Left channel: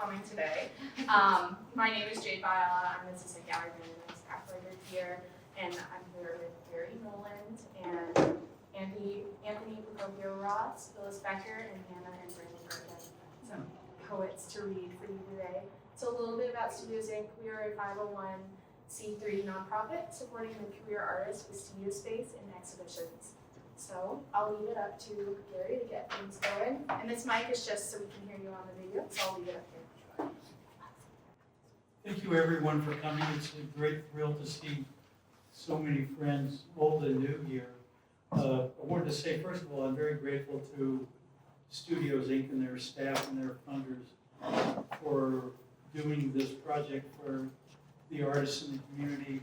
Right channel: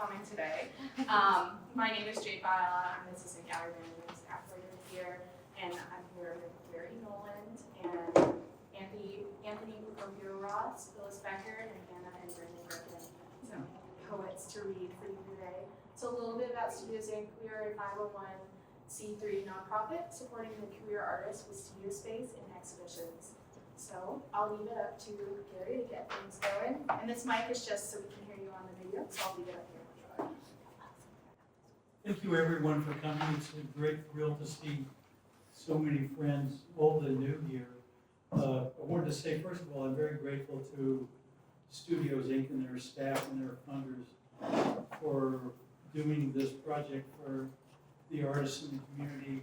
coming today. My name is Jade Viola. I'm the assistant gallery manager and staff writer here, and I'm here with Garry Noland and Anthony Procopio Ross, Phyllis Becker, and Hannah and Brandan Griffin. Some poets to read for you today. So a little bit about Studios Inc. We are a 501c3 nonprofit supporting the career artists with studio space and exhibitions. So I'll leave it up to Garry to get things going. And this mic is just so we can hear you on the video, so I'll leave it up here. Thank you everyone for coming. It's a great thrill to see so many friends, old and new here. I wanted to say, first of all, I'm very grateful to Studios Inc. and their staff and their funders for doing this project for the artists in the community.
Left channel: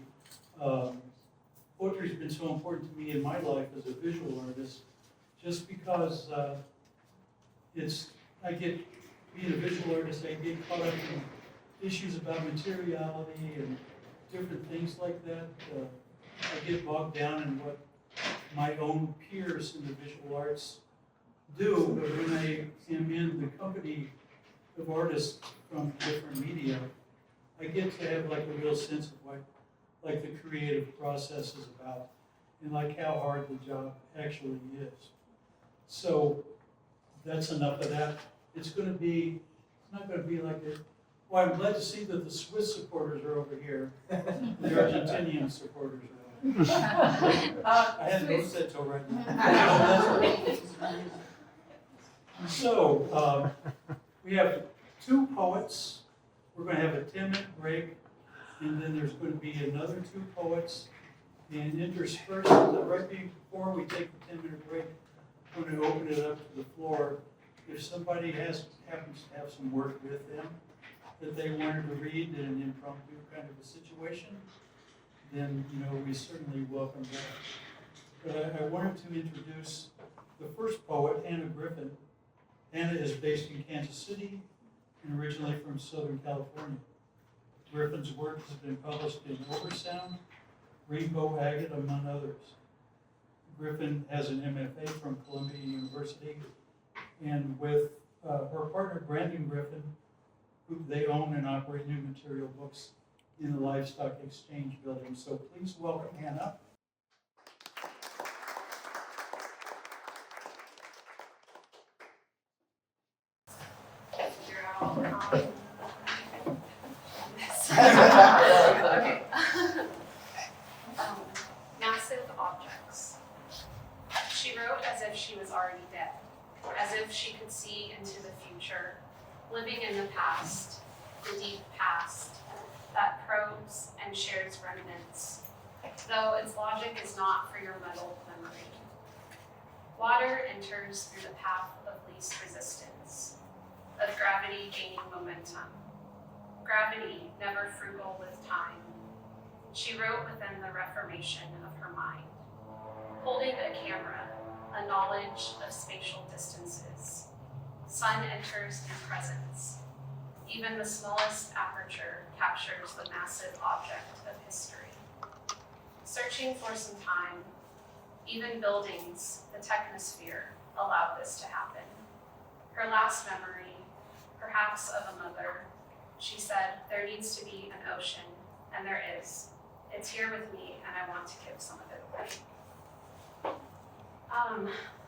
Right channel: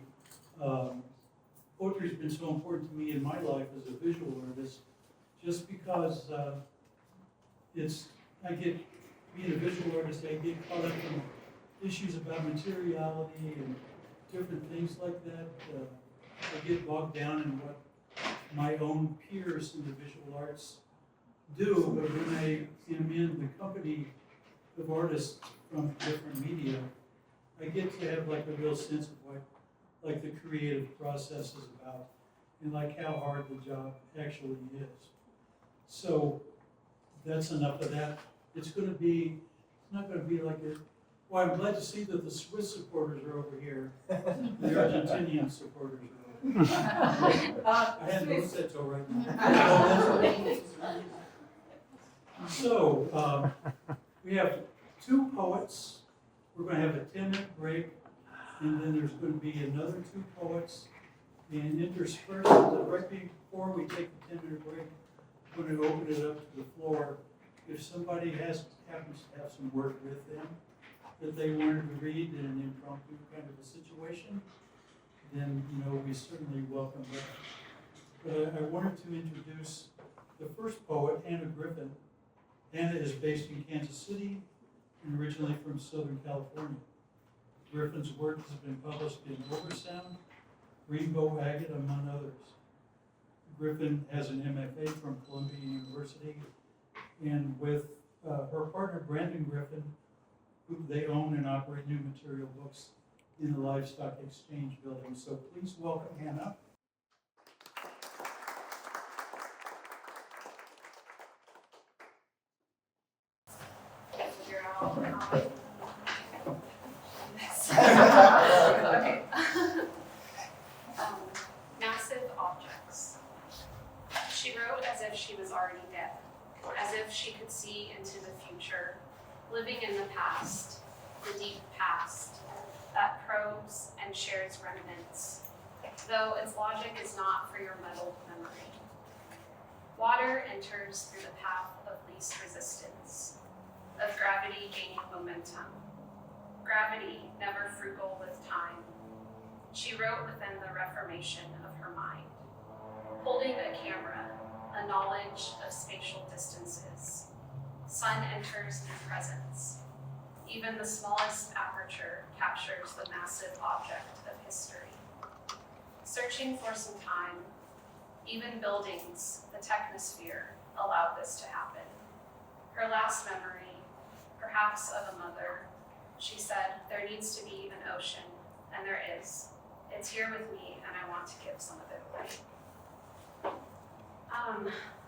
Poetry's been so important to me in my life as a visual artist, just because being a visual artist, I get caught up in issues about materiality and different things like that. I get bogged down in what my own peers in the visual arts do, but when I am in the company of artists from different media, I get to have like a real sense of what like the creative process is about and like how hard the job actually is. So that's enough of that. It's not going to be like a, well, I'm glad to see that the Swiss supporters are over here. The Argentinian supporters are over here. I hadn't noticed that till right now. So we have two poets. We're going to have a 10-minute break, and then there's going to be another two poets. And interspersed, right before we take the 10-minute break, I'm going to open it up to the floor. If somebody happens to have some work with them that they wanted to read in an impromptu kind of a situation, then we certainly welcome that. But I wanted to introduce the first poet, Hannah Griffin. Hannah is based in Kansas City and originally from Southern California. Griffin's work has been published in Oversound, Rainbow Agate, among others. Griffin has an MFA from Columbia University, and with her partner Brandan Griffin, who they own and operate New Material Books in the Livestock Exchange building. So please welcome Hannah. Okay. Massive objects. She wrote as if she was already dead, as if she could see into the future, living in the past, the deep past, that probes and shares remnants, though its logic is not for your muddled memory. Water enters through the path of least resistance, of gravity gaining momentum. Gravity, never frugal with time. She wrote within the reformation of her mind, holding a camera, a knowledge of spatial distances. Sun enters in presence. Even the smallest aperture captures the massive object of history. Searching for some time, even buildings, the technosphere, allowed this to happen. Her last memory, perhaps of a mother, she said, there needs to be an ocean, and there is. It's here with me, and I want to give some of it away.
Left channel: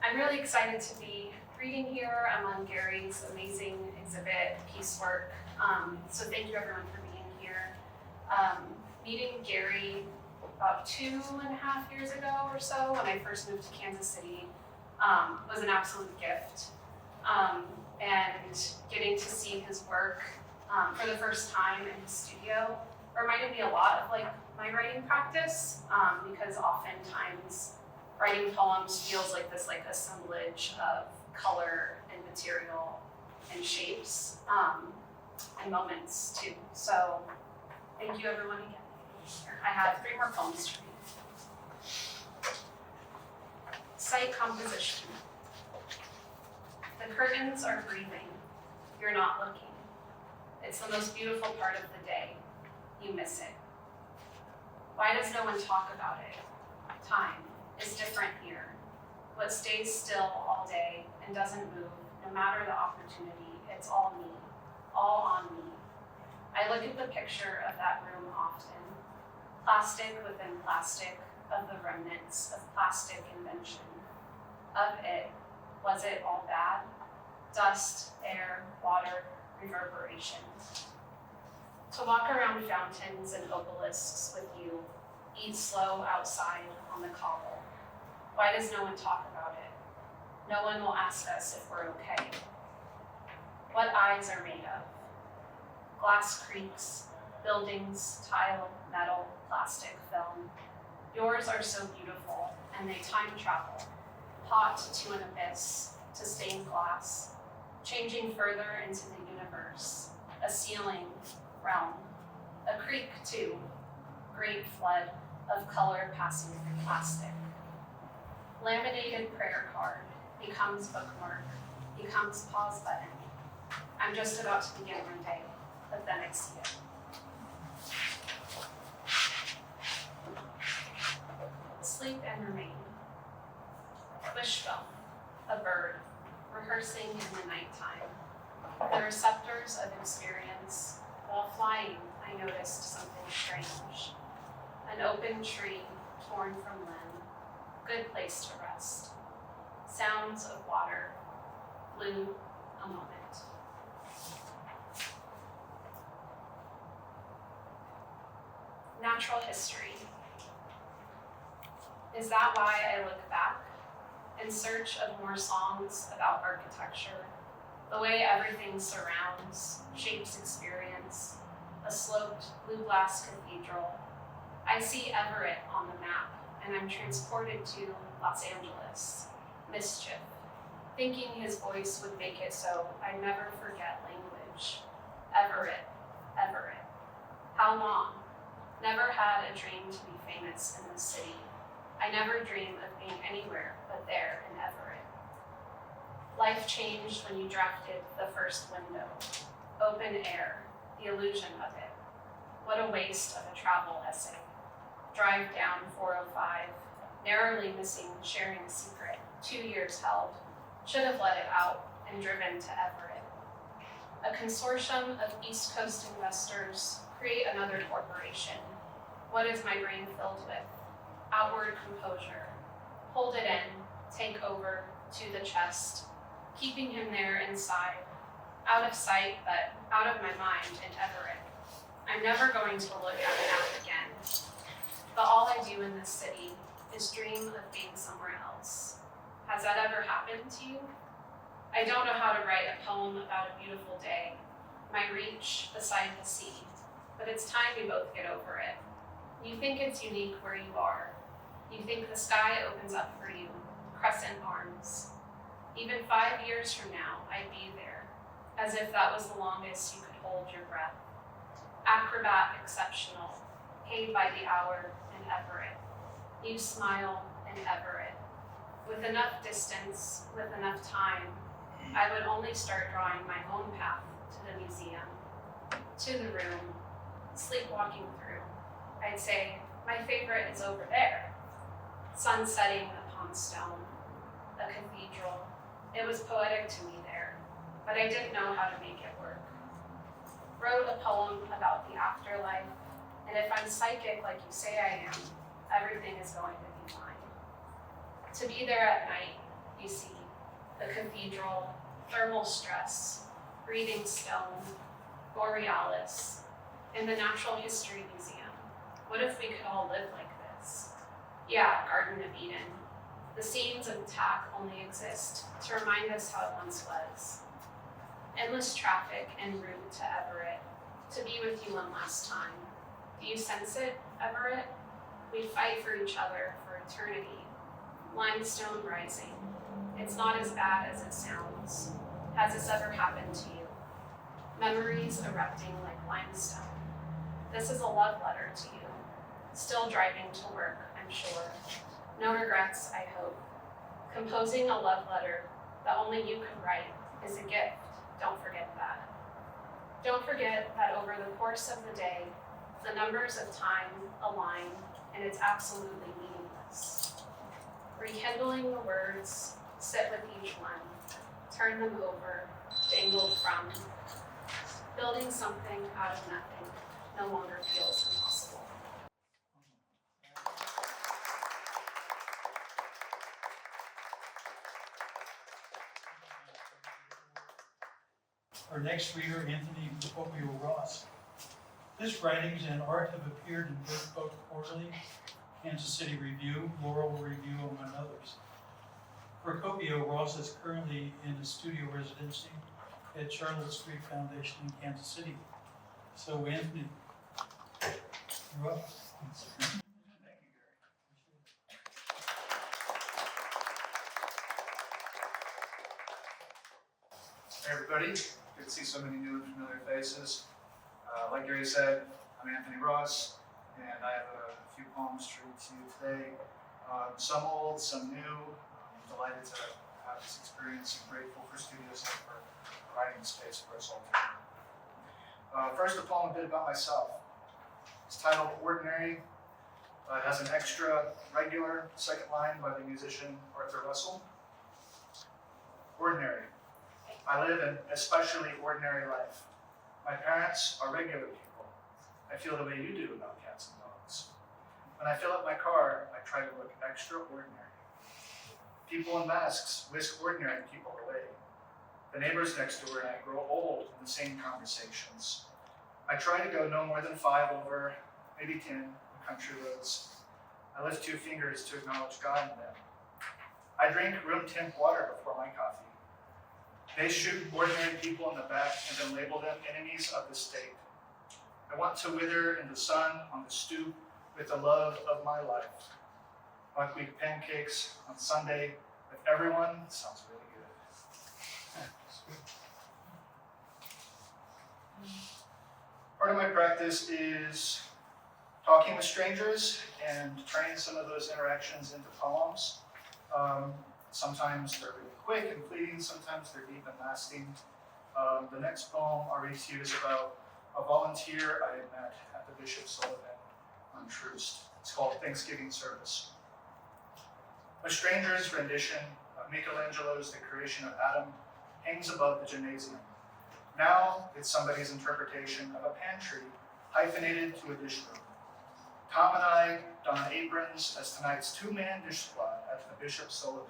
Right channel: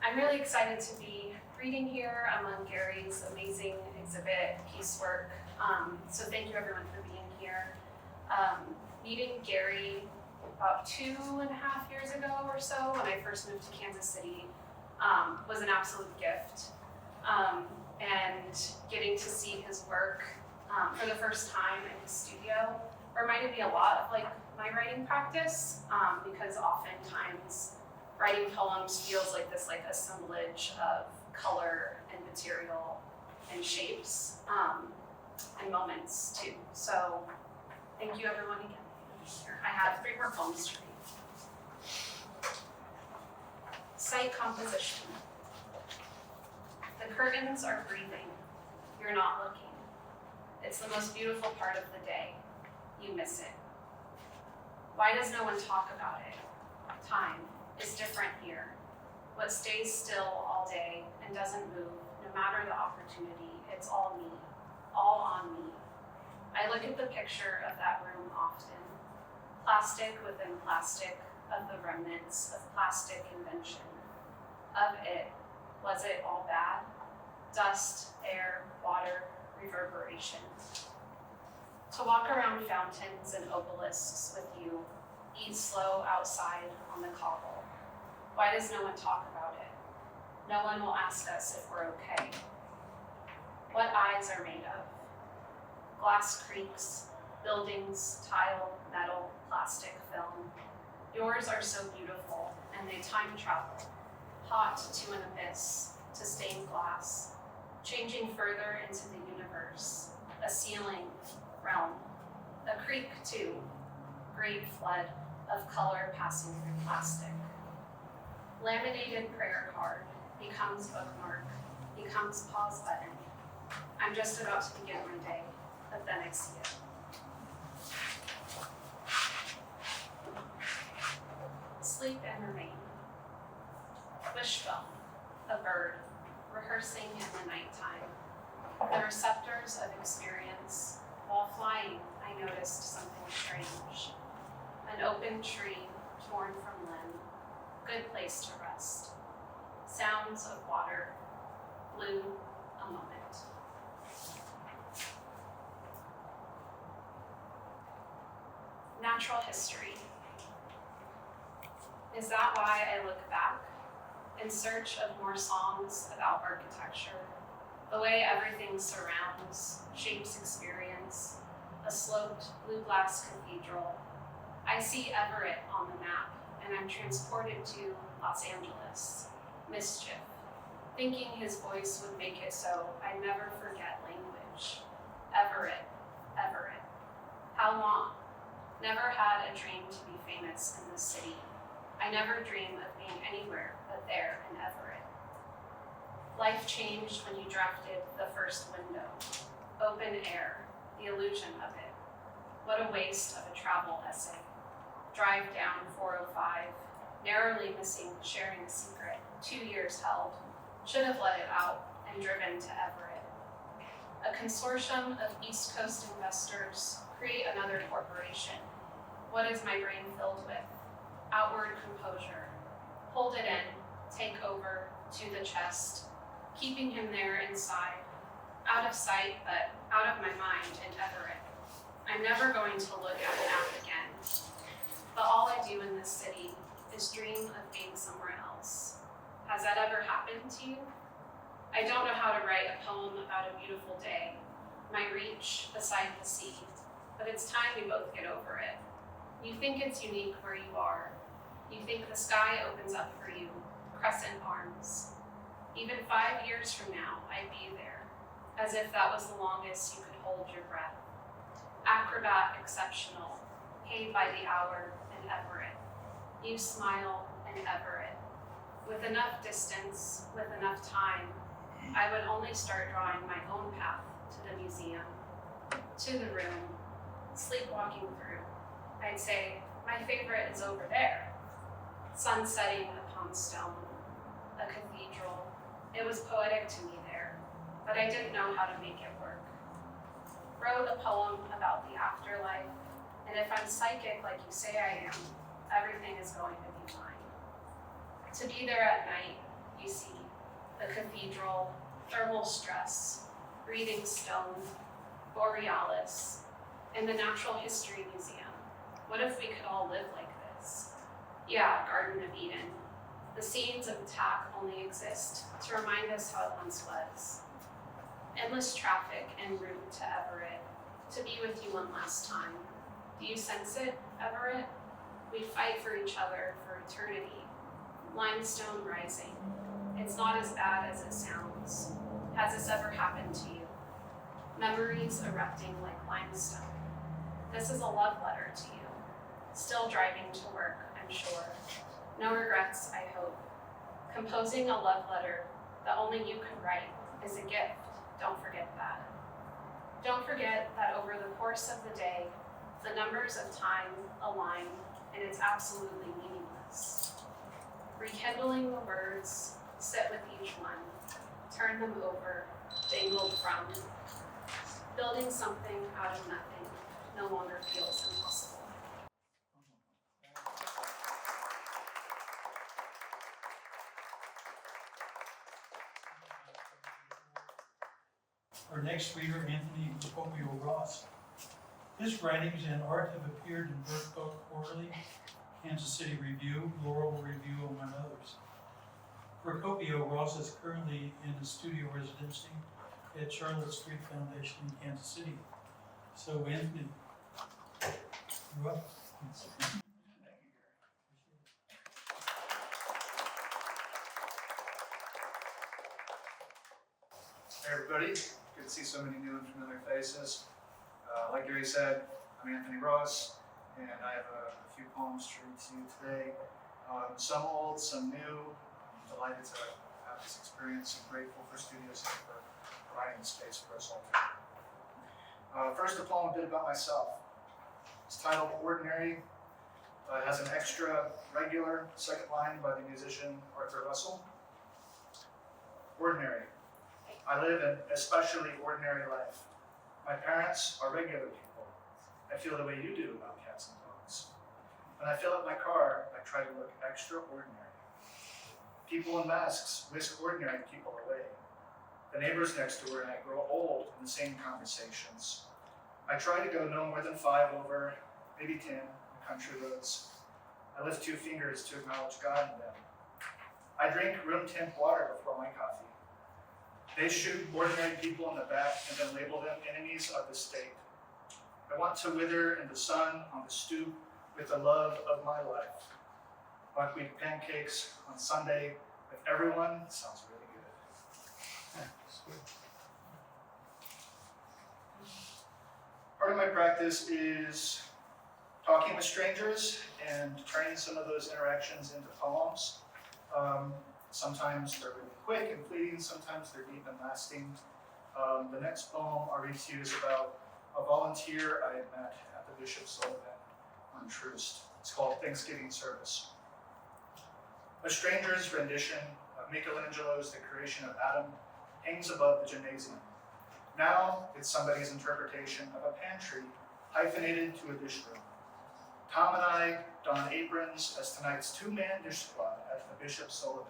I'm really excited to be reading here among Garry's amazing exhibit piecework. So thank you everyone for being here. Meeting Garry about 2.5 years ago or so, when I first moved to Kansas City, was an absolute gift. And getting to see his work for the first time in his studio reminded me a lot of my writing practice, because oftentimes writing poems feels like this assemblage of color and material and shapes and moments too. So thank you everyone again. I have 3 more poems to read. Sight composition. The curtains are breathing. You're not looking. It's the most beautiful part of the day. You miss it. Why does no one talk about it? Time is different here. What stays still all day and doesn't move, no matter the opportunity, it's all me, all on look at the picture of that room often. Plastic within plastic of the remnants of plastic invention. Of it, was it all bad? Dust, air, water, reverberation. To walk around fountains and obelisks with you, eat slow outside on the cobble. Why does no one talk about it? No one will ask us if we're okay. What eyes are made of? Glass creaks, buildings, tile, metal, plastic, film. Yours are so beautiful, and they time travel, hot to an abyss, to stained glass, changing further into the universe, a ceiling, realm, a creek too, great flood of color passing through plastic. Laminated prayer card becomes bookmark, becomes pause button. I'm just about to begin my day, but then I see it. Sleep and remain. Wishbone, a bird, rehearsing in the nighttime. The receptors of experience. While flying, I noticed something strange. An open tree, torn from limb. Good place to rest. Sounds of water. Blue, a moment. Natural history. Is that why I look back, in search of more songs about architecture, the way everything surrounds, shapes experience, a sloped blue glass cathedral? I see Everett on the map, and I'm transported to Los Angeles, mischief, thinking his voice would make it so I never forget language. Everett, Everett. How long? Never had a dream to be famous in this city. I never dreamed of being anywhere but there in Everett. Life changed when you drafted the first window. Open air, the illusion of it. What a waste of a travel essay. Drive down 405, narrowly missing sharing a secret, 2 years held. Should have let it out and driven to Everett. A consortium of East Coast investors create another corporation. What is my brain filled with? Outward composure. Hold it in, take over, to the chest, keeping him there inside, out of sight, but out of my mind in Everett. I'm never going to look at the map again. But all I do in this city is dream of being somewhere else. Has that ever happened to you? I don't know how to write a poem about a beautiful day, my reach beside the sea, but it's time we both get over it. You think it's unique where you are. You think the sky opens up for you, crescent arms. Even 5 years from now, I'd be there, as if that was the longest you could hold your breath. Acrobat exceptional, paid by the hour in Everett. You smile in Everett. With enough distance, with enough time, I would only start drawing my own path to the museum, to the room, sleepwalking through. I'd say, my favorite is over there. Sun setting upon stone, a cathedral. It was poetic to me there, but I didn't know how to make it work. Wrote a poem about the afterlife, and if I'm psychic like you say I am, everything is going to be fine. To be there at night, you see, the cathedral, thermal stress, breathing stone, borealis, and the Natural History Museum. What if we could all live like this? Yeah, Garden of Eden. The scenes of attack only exist to remind us how it once was. Endless traffic en route to Everett, to be with you one last time. Do you sense it, Everett? We fight for each other for eternity. Limestone rising. It's not as bad as it sounds. Has this ever happened to you? Memories erupting like limestone. This is a love letter to you. Still driving to work, I'm sure. No regrets, I hope. Composing a love letter that only you could write is a gift. Don't forget that. Don't forget that over the course of the day, the numbers of time align, and it's absolutely meaningless. Rekindling the words, sit with each one, turn them over, dangled from, building building something out of nothing no longer feels impossible. Our next reader, Anthony Procopio Ross. His writings and art have appeared in Bird Book Quarterly, Kansas City Review, Laurel Review, among others. Procopio Ross is currently in a studio residency at Charlotte Street Foundation in Kansas City. So Anthony, you're up. Thank you, Garry. Hey everybody, good to see so many new and familiar faces. Like Garry said, I'm Anthony Ross, and I have a few poems to read to you today. Some old, some new. I'm delighted to have this experience and grateful for Studios Inc for providing space for us all. First, a poem a bit about myself. It's titled Ordinary. It has an extra regular second line by the musician Arthur Russell. Ordinary. I live an especially ordinary life. My parents are regular people. I feel the way you do about cats and dogs. When I fill up my car, I try to look extraordinary. People in masks whisk ordinary people away. The neighbors next door and I grow old in the same conversations. I try to go no more than 5 over, maybe 10, on country roads. I lift 2 fingers to acknowledge God in them. I drink room temp water before my coffee. They shoot ordinary people in the back and then label them enemies of the state. I want to wither in the sun on the stoop with the love of my life. Buckwheat pancakes on Sunday with everyone sounds really good. Part of my practice is talking with strangers and turning some of those interactions into poems. Sometimes they're really quick and fleeting, sometimes they're deep and lasting. The next poem I'll read to you is about a volunteer I had met at the Bishop Sullivan on Troost. It's called Thanksgiving Service. A stranger's rendition of Michelangelo's The Creation of Adam hangs above the gymnasium. Now it's somebody's interpretation of a pantry hyphenated to a dish room. Tom and I don aprons as tonight's 2-man dish squad at the Bishop Sullivan.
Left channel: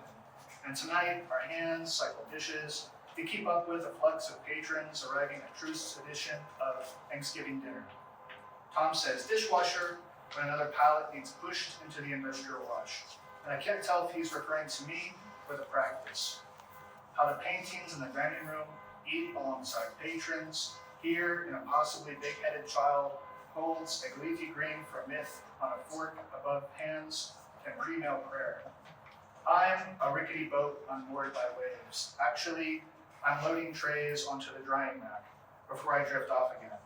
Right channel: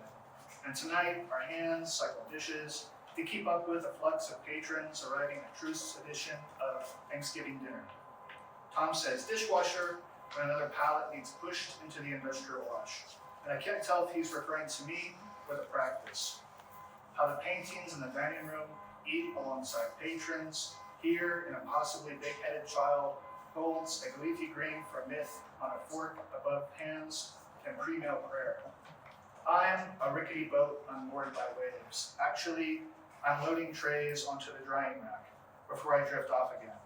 And tonight, our hands cycle dishes to keep up with the flux of patrons arriving at Trust's edition of Thanksgiving dinner. Tom says dishwasher when another pallet needs pushed into the industrial wash. And I can't tell if he's referring to me or the practice. How the paintings in the dining room eat alongside patrons. Here, in a possibly big-headed child holds a leafy grain for myth on a fork above pans and pre-meal prayer. I'm a rickety boat unmoored by waves. Actually, I'm loading trays onto the drying rack before I drift off again.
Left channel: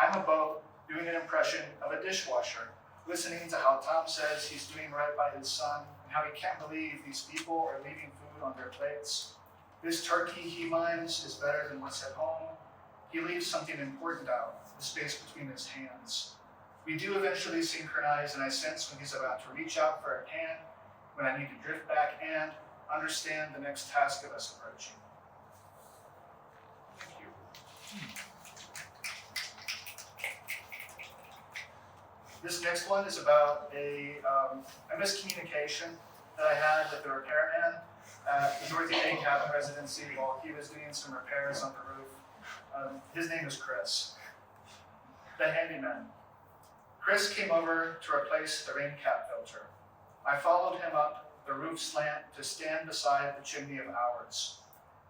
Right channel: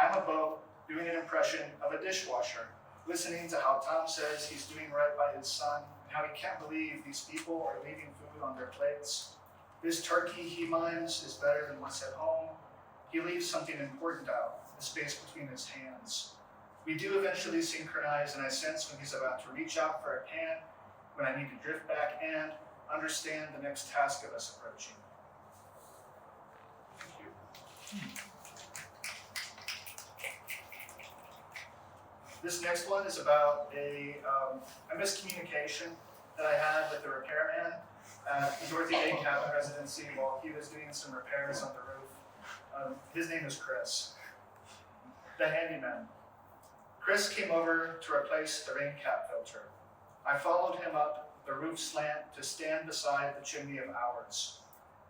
I'm a boat doing an impression of a dishwasher, listening to how Tom says he's doing right by his son and how he can't believe these people are leaving food on their plates. This turkey he mimes is better than what's at home. He leaves something important out, the space between his hands. We do eventually synchronize, and I sense when he's about to reach out for a can, when I need to drift back and understand the next task of us approaching. Thank you. This next one is about a miscommunication that I had with the repairman at the Dorothy Day Cabin residency while he was doing some repairs on the roof. His name is Chris, the handyman. Chris came over to replace the rain cap filter. I followed him up the roof slant to stand beside the chimney of ours.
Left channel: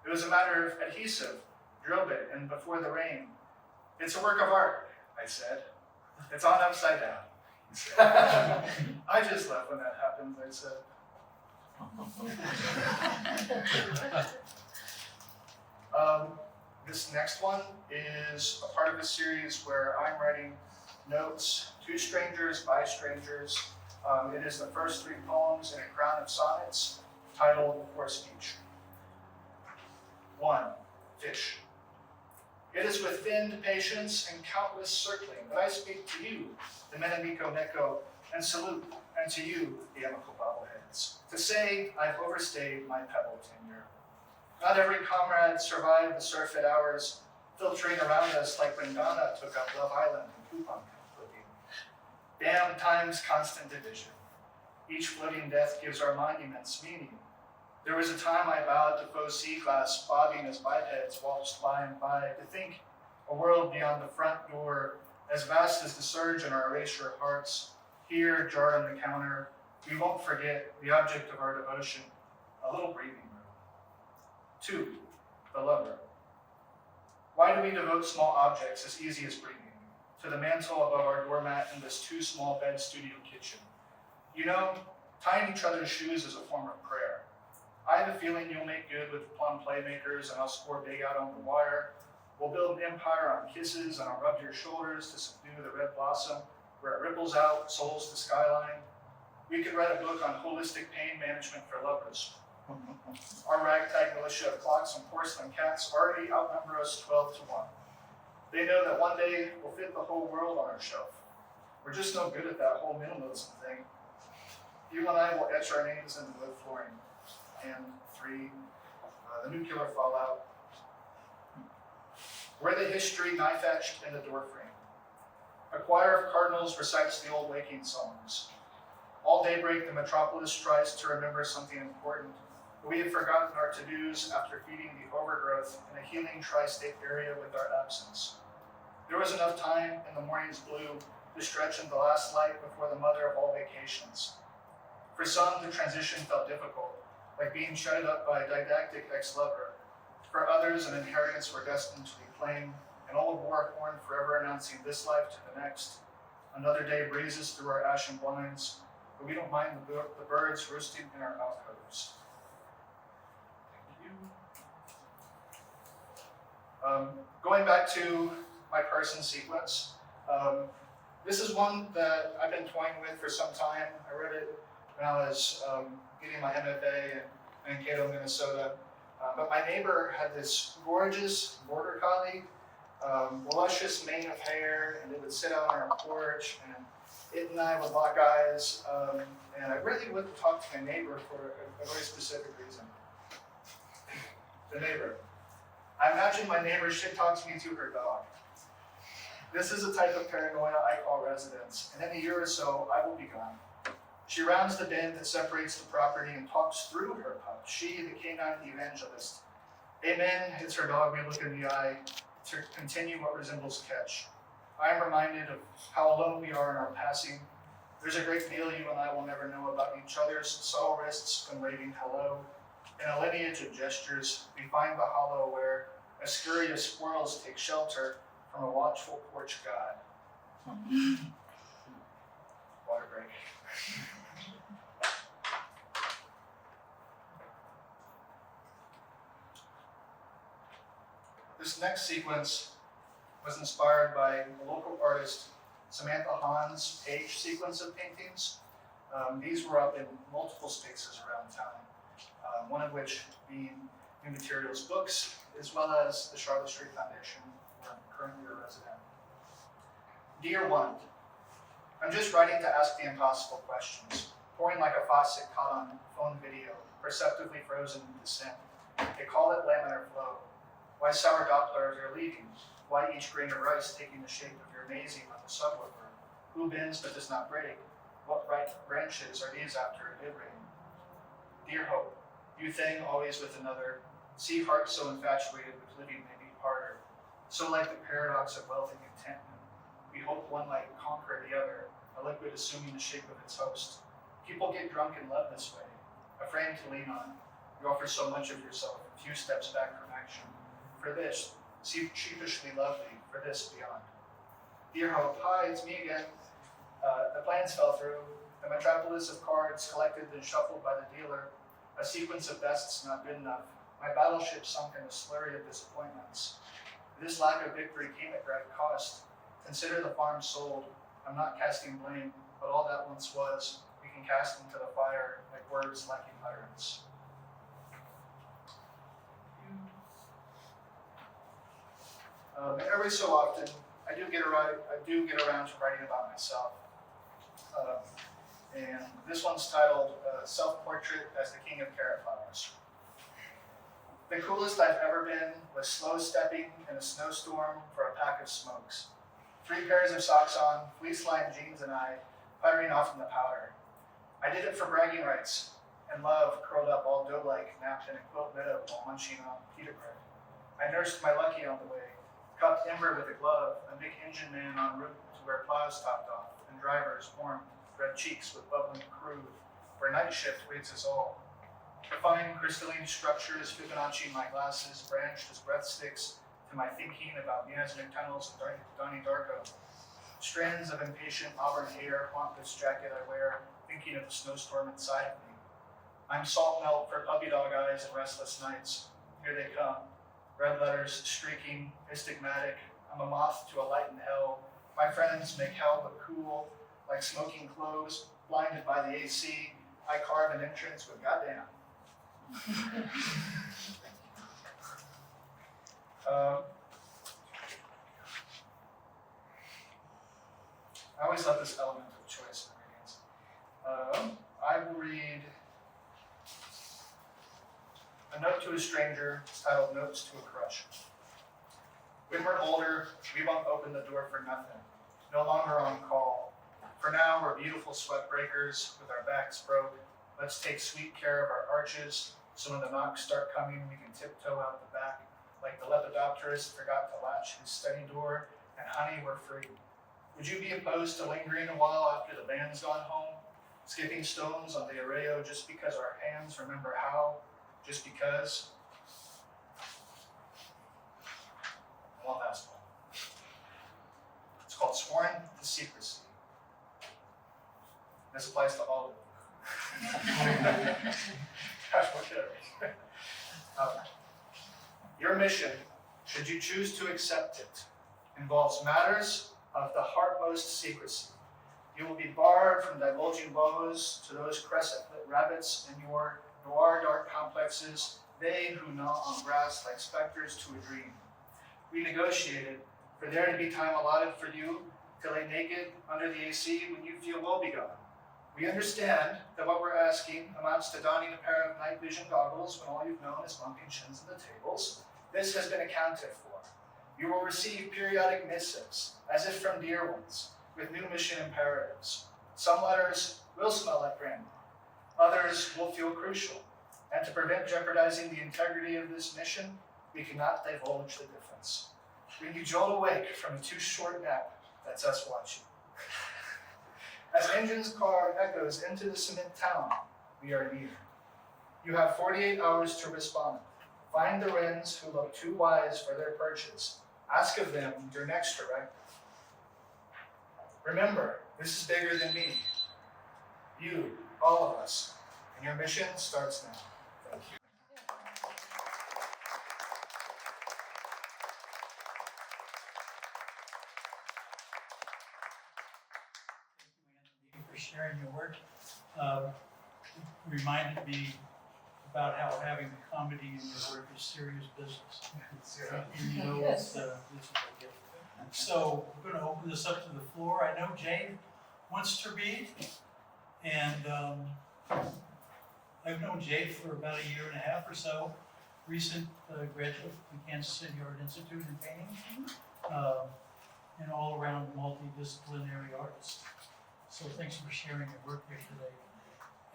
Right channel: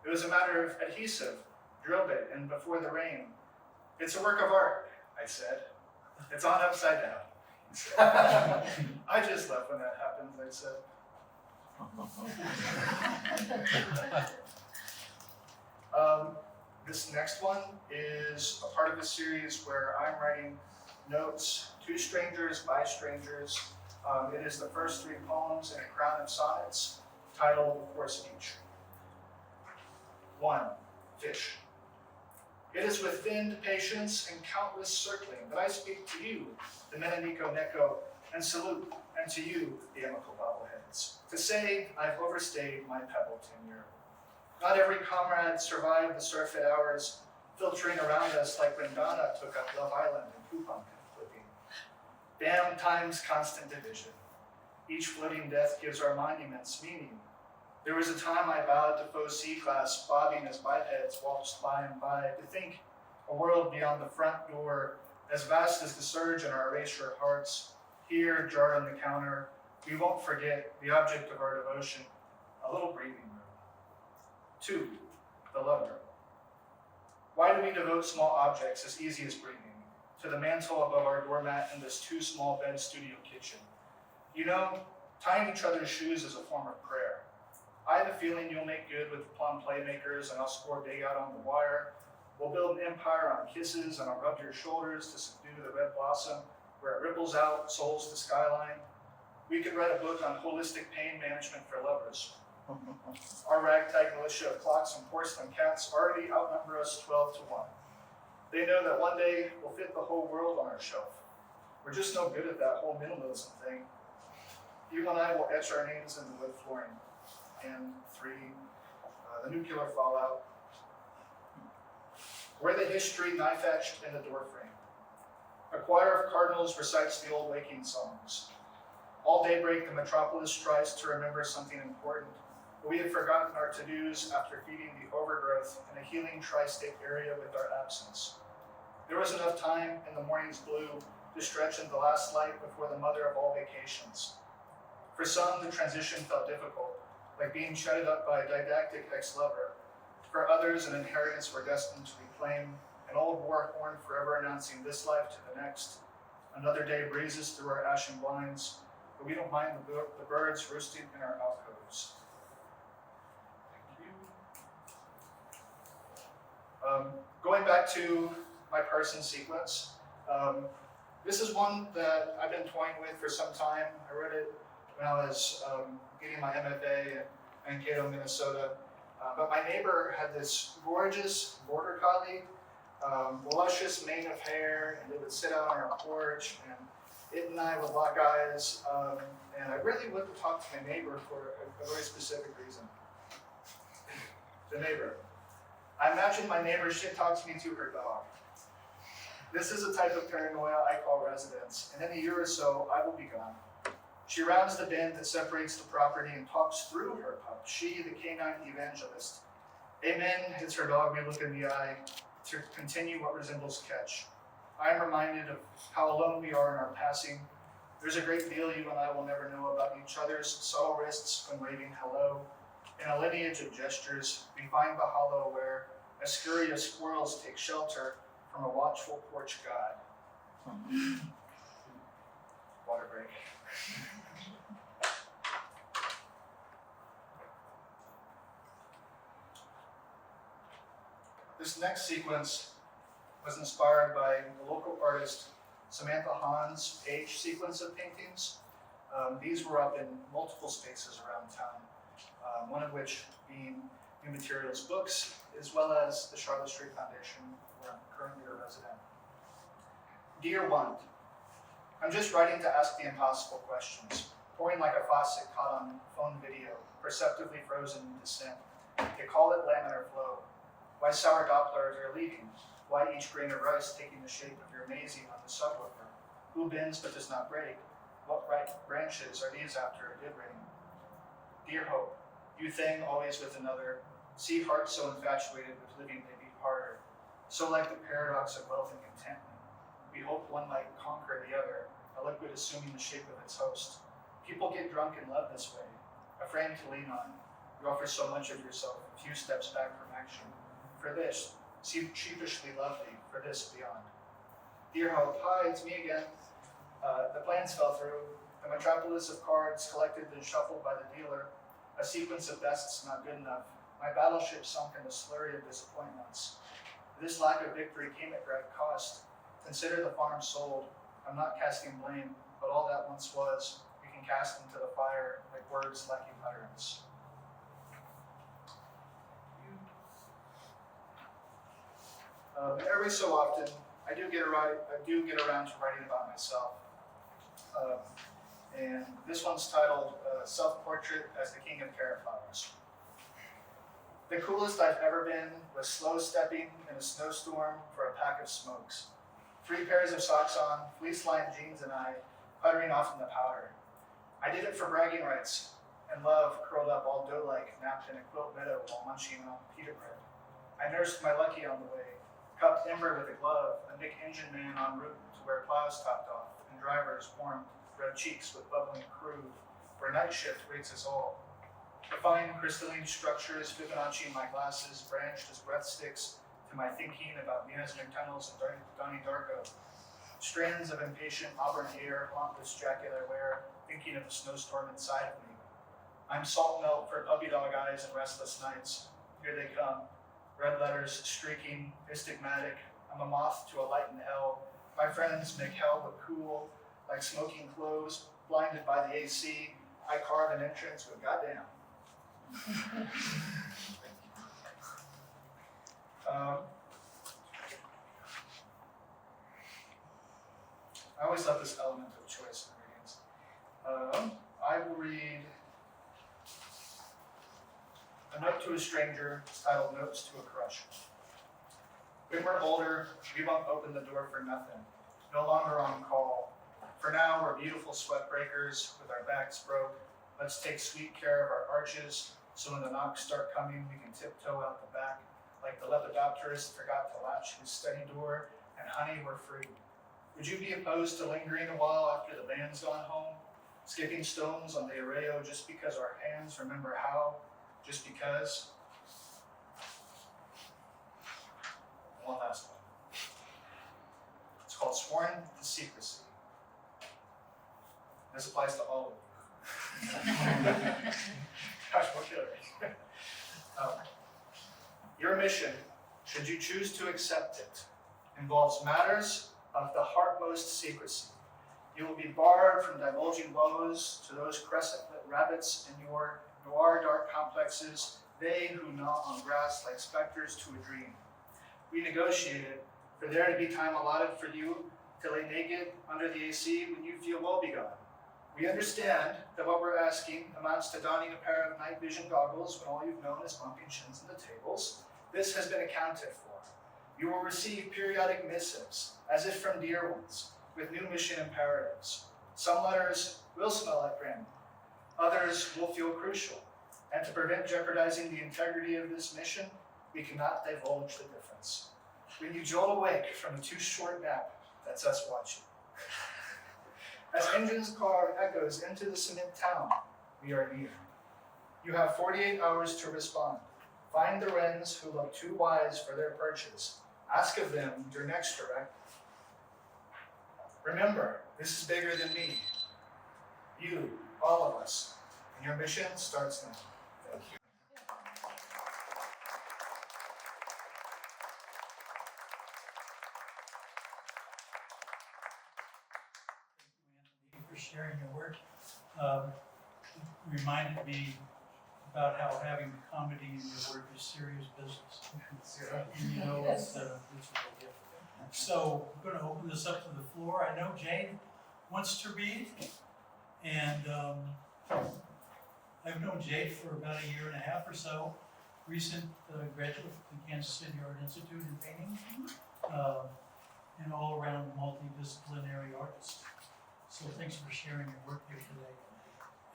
It was a matter of adhesive, drill bit, and before the rain. It's a work of art, I said. It's on upside down. I just left when that happens, I said. This next one is a part of a series where I'm writing notes to strangers by strangers. It is the first 3 poems in a crown of sonnets titled For Speech. 1. Fish. It is with thinned patience and countless circling that I speak to you, the Menenico Neko, and salute, and to you, the amicable bobbleheads, to say I've overstayed my pebble tenure. Not every comrade survived the surfeit hours, filtering around us like when Donna took up Love Island and coupon flipping. Damn times constant division. Each floating death gives our monuments meaning. There was a time I bowed to faux C-class, bobbing as bipeds waltzed by and by, to think a world beyond the front door, as vast as the surge in our erasure hearts, here, jarred on the counter, we won't forget the object of our devotion, a little breathing room. 2, the lover. Why do we devote small objects as easy as breathing to the mantle above our doormat in this too small bed studio kitchen? You know, tying each other's shoes is a form of prayer. I have a feeling you'll make good with the plum playmakers and I'll score big out on the wire. We'll build an empire on kisses and I'll rub your shoulders to subdue the red blossom where it ripples out, souls to skyline. We could write a book on holistic pain management for lovers. Our ragtag militia of clocks and porcelain cats already outnumber us 12 to 1. They know that one day we'll fit the whole world on our shelf. We're just no good at that whole minimalism thing. You and I will etch our names in the wood flooring. And 3, the nuclear fallout. We're the history knife etched in the doorframe. A choir of cardinals recites the old waking songs. All daybreak, the metropolis tries to remember something important, but we have forgotten our to-dos after feeding the overgrowth in a healing tri-state area with our absence. There was enough time in the morning's blue to stretch in the last light before the mother of all vacations. For some, the transition felt difficult, like being shutted up by a didactic ex-lover. For others, an inheritance we're destined to reclaim, an old war horn forever announcing this life to the next. Another day breezes through our ashen blinds, but we don't mind the birds roosting in our alcoves. Thank you. Going back to my person sequence, this is one that I've been toying with for some time. I read it when I was getting my MFA in Mankato, Minnesota. But my neighbor had this gorgeous border collie, luscious mane of hair, and it would sit out on our porch, and it and I would lock eyes, and I really wouldn't talk to my neighbor for a very specific reason. The neighbor. I imagine my neighbor should talk to me to her dog. This is a type of paranoia I call residence, and in a year or so, I will be gone. She rounds the bend that separates the property and talks through her pup, she, the canine evangelist. Amen, it's her dog we look in the eye to continue what resembles catch. I am reminded of how alone we are in our passing. There's a great deal you and I will never know about each other's subtle wrists when waving hello. In a lineage of gestures, we find the hollow where a scurry of squirrels take shelter from a watchful porch god. Water break. This next sequence was inspired by the local artist Samantha Hahn's page sequence of paintings. These were up in multiple spaces around town, one of which being New Materials Books, as well as the Charlotte Street Foundation, where I'm currently a resident. Dear one, I'm just writing to ask the impossible questions, pouring like a faucet caught on phone video, perceptibly frozen in descent. They call it laminar flow. Why sour Dopplers are leaving? Why each grain of rice taking the shape of your Maisie on the subwoofer? Who bends but does not break? What right branches are these after it did rain? Dear hope, you thing always with another, see heart so infatuated with living may be harder, so like the paradox of wealth and contentment. We hope one might conquer the other, a liquid assuming the shape of its host. People get drunk and love this way, a frame to lean on. You offer so much of yourself, a few steps back from action. For this, seem sheepishly lovely, for this beyond. Dear hope, hi, it's me again. The plans fell through. The metropolis of cards collected and shuffled by the dealer. A sequence of bests not good enough. My battleship sunk in a slurry of disappointments. This lack of victory came at great cost. Consider the farm sold. I'm not casting blame, but all that once was, we can cast into the fire like words lacking utterance. Every so often, I do get around to writing about myself. And this one's titled Self-Portrait as the King of Carrot Flowers. The coolest I've ever been was slow stepping in a snowstorm for a pack of smokes. 3 pairs of socks on, fleece-lined jeans and I, puttering off in the powder. I did it for bragging rights, and love curled up all dough-like, napped in a quilt meadow while munching on pita bread. I nursed my lucky on the way, cupped Ember with a glove, a Mick engine man en route to where plows topped off, and drivers warmed red cheeks with bubbling crude, where night shift waits us all. The fine crystalline structures Fibonacci my glasses, branched as breathsticks to my thinking about Miasmic tunnels and Donnie Darko. Strands of impatient auburn hair haunt this jacket I wear, thinking of the snowstorm inside of me. I'm salt melt for puppy dog eyes and restless nights. Here they come. Red letters streaking, astigmatic. I'm a moth to a light in hell. My friends make hell look cool, like smoking clothes, blinded by the AC. I carve an entrance with goddamn. I always love this element of choice in readings. I will read A Note to a Stranger, titled Notes to a Crush. When we're older, we won't open the door for nothing, no longer on call. For now, we're beautiful sweat breakers with our backs broke. Let's take sweet care of our arches, so when the knocks start coming, we can tiptoe out the back, like the lepidopterist forgot to latch his study door, and honey, we're free. Would you be opposed to lingering a while after the band's gone home? Skipping stones on the arreo just because our hands remember how? Just because? One last one. It's called Sworn to Secrecy. This applies to all of you. Gosh, what should I read? Your mission, should you choose to accept it, involves matters of the heartmost secrecy. You will be barred from divulging woes to those crescent-lit rabbits in your noir dark complexes, they who gnaw on grass like specters to a dream. We negotiated for there to be time allotted for you to lay naked under the AC when you feel woebegone. We understand that what we're asking amounts to donning a pair of night vision goggles when all you've known is bumping shins into tables. This has been accounted for. You will receive periodic missives, as if from dear ones, with new mission imperatives. Some letters will smell like grandma. Others will feel crucial. And to prevent jeopardizing the integrity of this mission, we cannot divulge the difference. When you jolt awake from a too short nap, that's us watching. As engine's car echoes into the cement town, we are near. You have 48 hours to respond. Find the wrens who look too wise for their perches. Ask of them your next directive. Remember, this is bigger than me. You, all of us. And your mission starts now. Thank you. Thank you for sharing your work. Reminded me about how having comedy in your work is serious business. And you know, it's a big gift. So we're going to open this up to the floor. I know Jade wants to read, and I've known Jade for about a year and a half or so. Recent graduate from Kansas City Art Institute in painting, and all around multi-disciplinary artist. So thanks for sharing your work here today.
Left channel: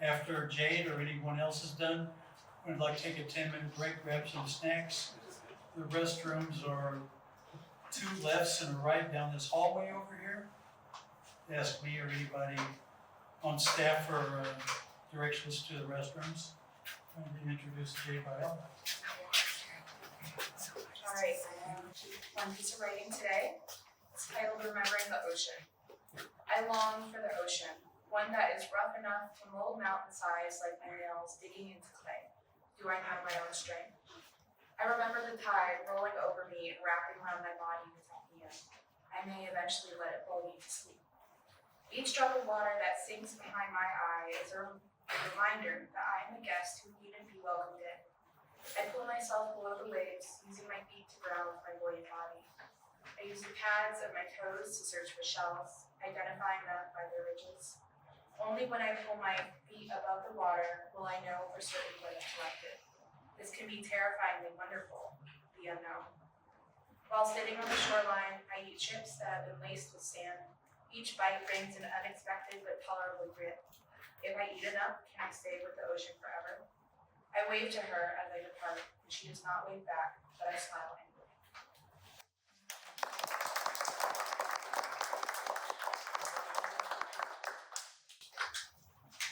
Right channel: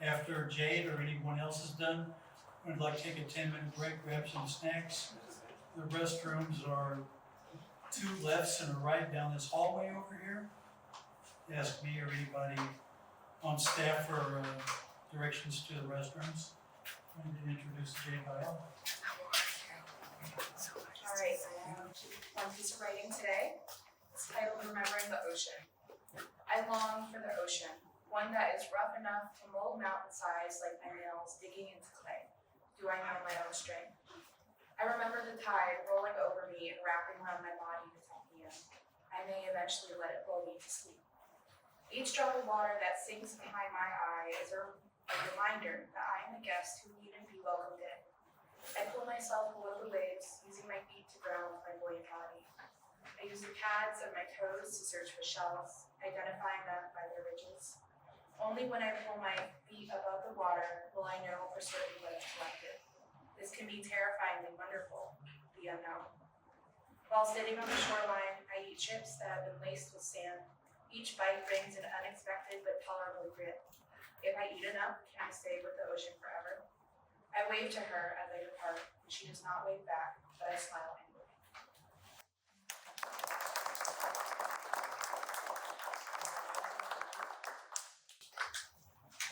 After Jade or anyone else is done, we'd like to take a 10-minute break, grab some snacks. The restrooms are 2 lefts and a right down this hallway over here. Ask me or anybody on staff for directions to the restrooms. I'm going to introduce Jade by all. All right, I have one piece of writing today. It's titled Remembering the Ocean. I long for the ocean, one that is rough enough to mold mountain size like my nails digging into clay. Do I know my own strength? I remember the tide rolling over me and wrapping around my body to tuck me in. I may eventually let it lull me to sleep. Each drop of water that sinks behind my eye is a reminder that I am a guest who needn't be welcomed in. I pull myself below the waves, using my feet to ground my buoyant body. I use the pads of my toes to search for shells, identifying them by their ridges. Only when I pull my feet above the water will I know for certain what I've collected. This can be terrifyingly wonderful, the unknown. While sitting on the shoreline, I eat chips that have been laced with sand. Each bite brings an unexpected but tolerable grit. If I eat enough, can I stay with the ocean forever? I wave to her as I depart, and she does not wave back, but I smile anyway.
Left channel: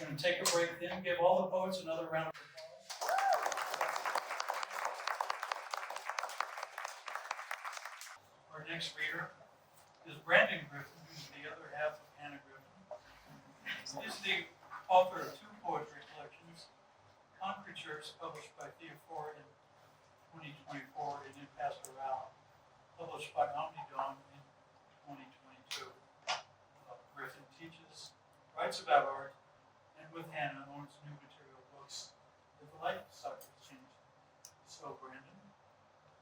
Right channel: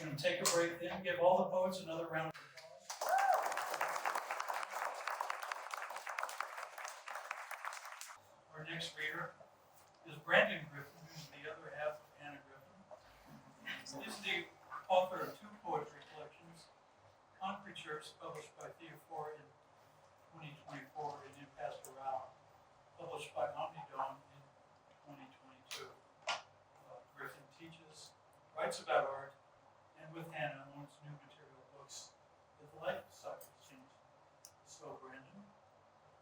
Going to take a break then, give all the poets another round of applause. Our next reader is Brandan Griffin, who's the other half of Hannah Griffin. He's the author of two poetry collections, Concrete Church, published by Theophora in 2024, and In Pastoral, published by Omnidon in 2022. Griffin teaches, writes about art, and with Hannah owns new material books that the life cycle changed. So, Brandan,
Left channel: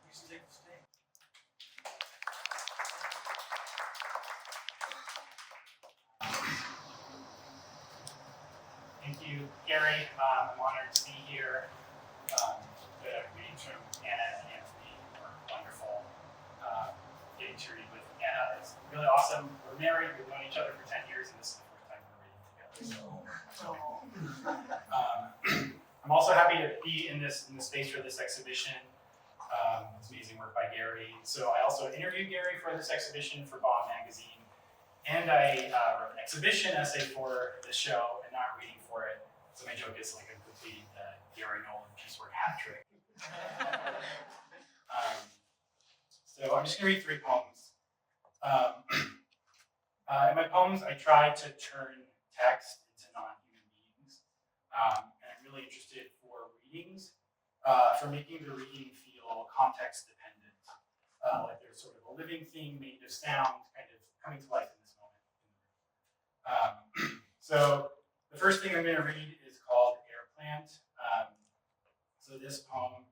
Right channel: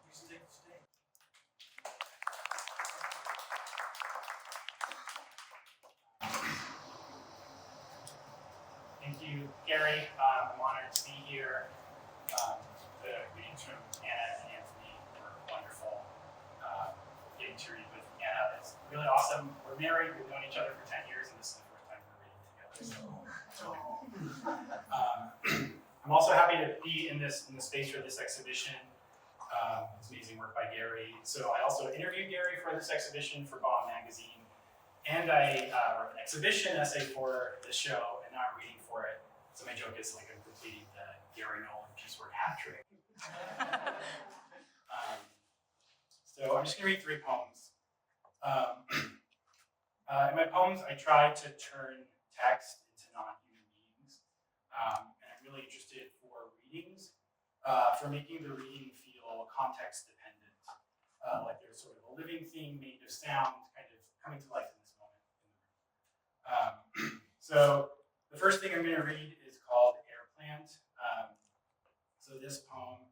please take the stage. Thank you, Gary. I'm honored to be here. The readings from Anna and Anthony were wonderful. Getting to read with Anna is really awesome. We're married, we've known each other for 10 years, and this is the first time we're reading together. I'm also happy to be in this space for this exhibition. It's amazing work by Gary. So I also interviewed Gary for this exhibition for Bomb Magazine. And I wrote an exhibition essay for the show, and now I'm reading for it. So my joke is like I'm completing the Garry Noland piecework hat trick. So I'm just gonna read 3 poems. In my poems, I try to turn text into non-human beings. And I'm really interested for readings, for making the reading feel context dependent. Like there's sort of a living thing made of sound kind of coming to life in this moment in the room. So the first thing I'm going to read is called Air Plant. So this poem,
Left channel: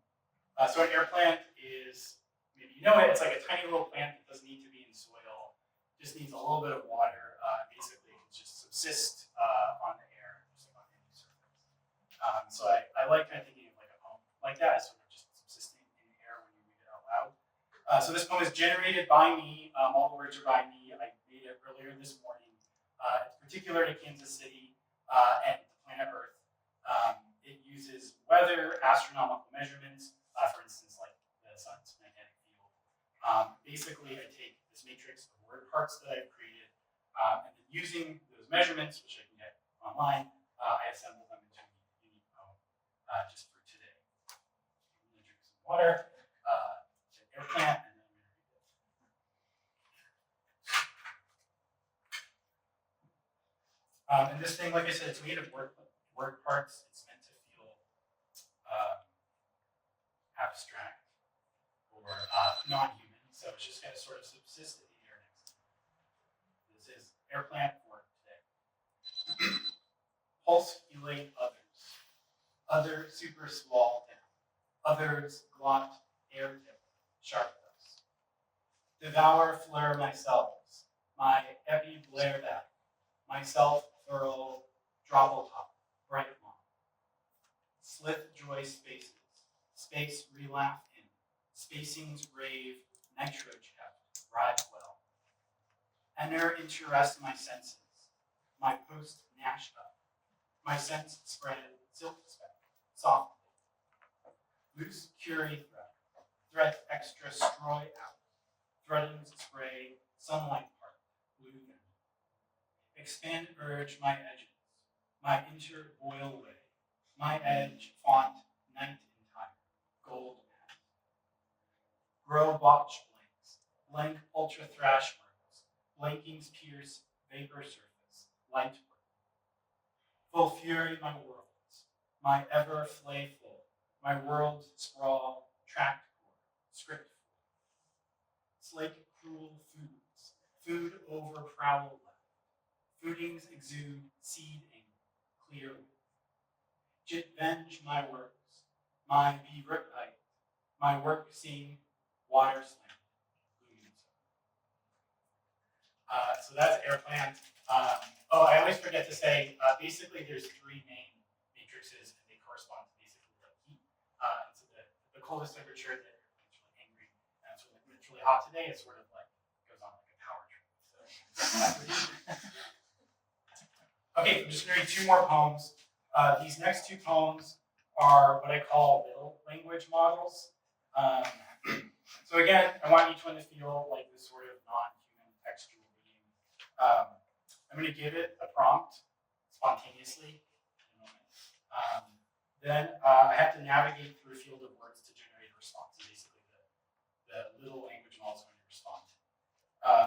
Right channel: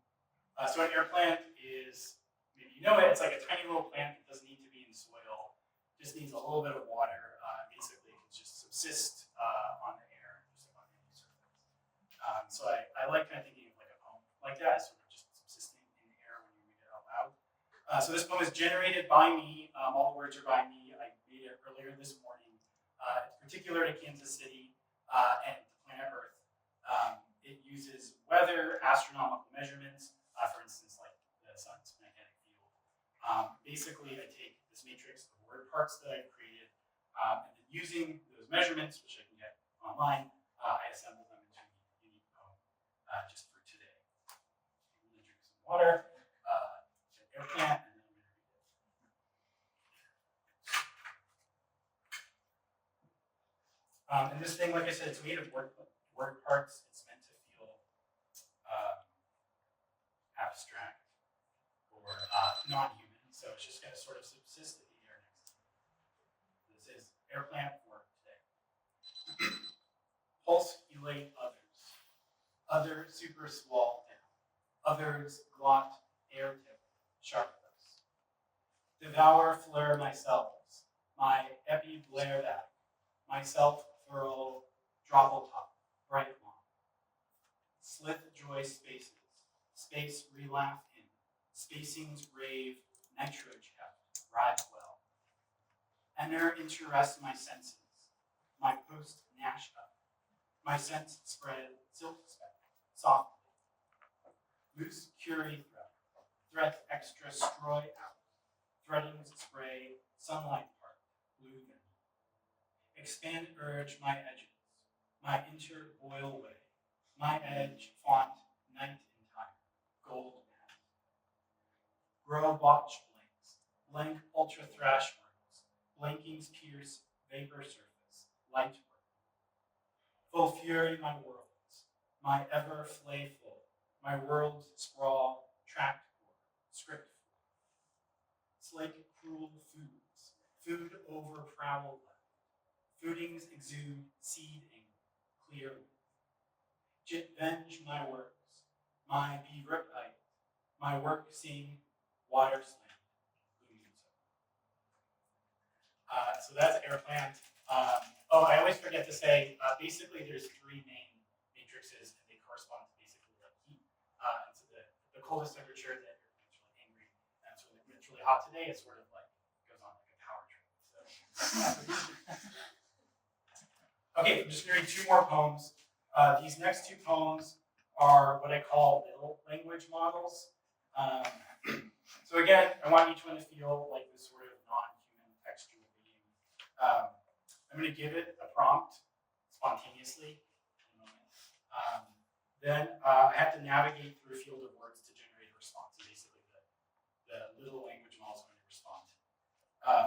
so an air plant is, maybe you know it, it's like a tiny little plant that doesn't need to be in soil, just needs a little bit of water. Basically, it can just subsist on the air, just like on any surface. So I like kind of thinking of like a poem like that, sort of just subsisting in the air when you read it out loud. So this poem is generated by me. All the words are by me. I made it earlier this morning. It's particular to Kansas City and the planet Earth. It uses weather, astronomical measurements, for instance, like the sun's magnetic field. Basically, I take this matrix of word parts that I've created, and then using those measurements, which I can get online, I assemble them into a unique poem just for today. I'm going to drink some water. Air plant, and then I'm going to read it. And this thing, like I said, it's made of word parts. It's meant to feel abstract or non-human, so it's just going to sort of subsist in the air next to me. This is air plant for today. Pulse elate others. Other super swall down. Others glot air tip. Sharp thus. Devour flare myself, my epi blare back, myself furl dropple top, bright long. Slith joy spaces, space relaugh in, spacings rave, nitro kept, rive well. Enter interest my senses, my post gnash up, my sense spread silk speck, softly. Loose curie threat extra stroy out, threadings spray, sunlight part, blue then. Expand urge my edges, my inter boil way, my edge font night entire, gold matte. Grow botch blanks, blank ultra thrash words, blankings pierce, vapor surface, light work. Full fury my worlds, my ever flay full, my worlds sprawl, tract script. Slake cruel foods, food over prowl left. Foodings exude seeding, clear. Jit venge my works, my be ripite, my work sing, water slam. So that's air plant. I always forget to say, basically there's 3 main matrices and they correspond to basically like heat. And so coolest temperature, then it's really angry. And so when it's really hot today, it sort of like goes on like a power trip. Okay, I'm just going to read 2 more poems. These next 2 poems are what I call middle language models. So again, I want each one to feel like this sort of non-human textual being. I'm going to give it a prompt spontaneously in a moment. Then I have to navigate through a field of words to generate a response. So basically, the little language model is going to respond.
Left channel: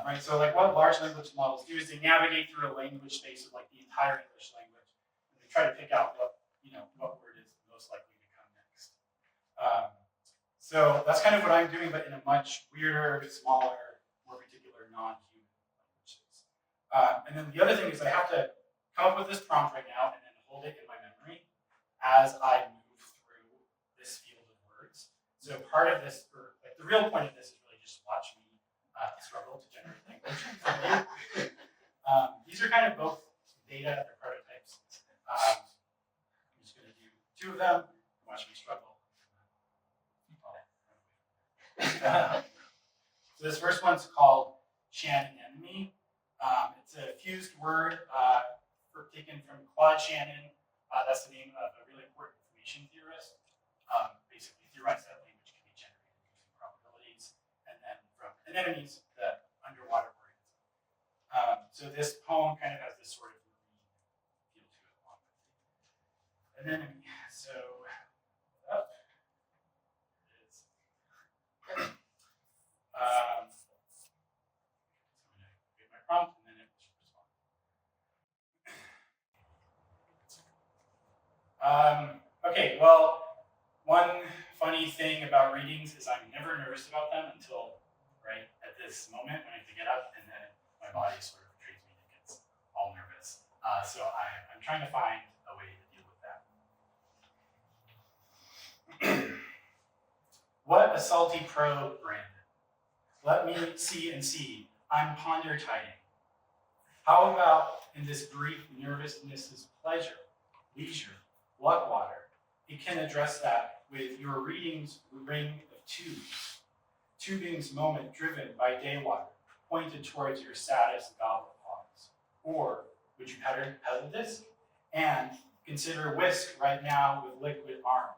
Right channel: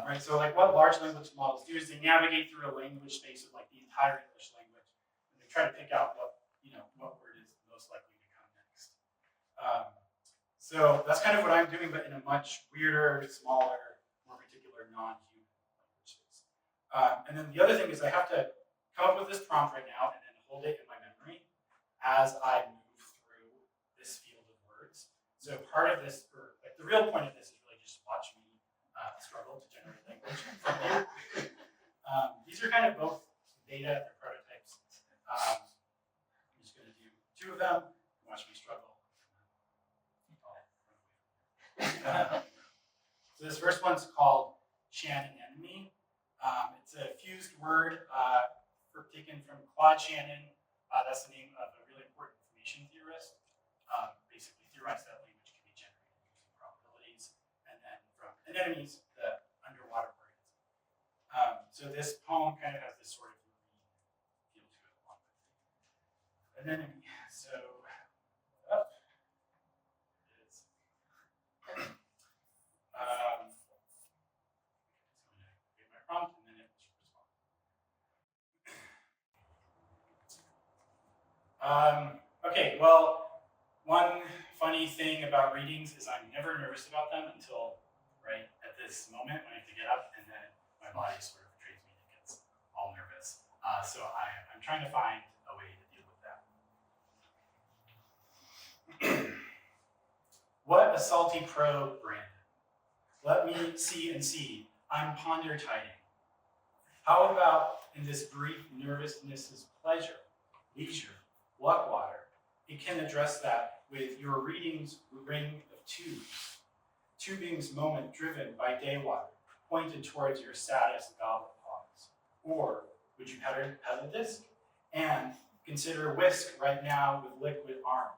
Right, so like what large language models do is they navigate through a language space of like the entire English language, and they try to pick out what word is most likely to come next. So that's kind of what I'm doing, but in a much weirder, smaller, more particular non-human language space. And then the other thing is I have to come up with this prompt right now and then hold it in my memory as I move through this field of words. So part of this, or like the real point of this is really just watch me struggle to generate language from you. These are kind of both beta or prototypes. I'm just going to do 2 of them. Watch me struggle. So this first one's called Shannon-enemy. It's a fused word taken from Claude Shannon. That's the name of a really important information theorist. Basically theorized that language can be generated using probabilities, and then from anemones, the underwater organism. So this poem kind of has this sort of marine feel to it. Anemone. So up is so I'm going to create my prompt and then it will respond. Okay, well, one funny thing about readings is I'm never nervous about them until right at this moment when I have to get up, and then my body sort of betrays me and it gets all nervous. So I'm trying to find a way to deal with that. What a salty probe, Brandon. Let me see and see. I'm ponder-tiding. How about in this brief nervousness' pleasure, leisure, what water? It can address that with your reading's ring of tubes. Tubing's moment driven by day water, pointed towards your saddest goblet pause. Or would you pedal disc? And consider whisk right now with liquid arm.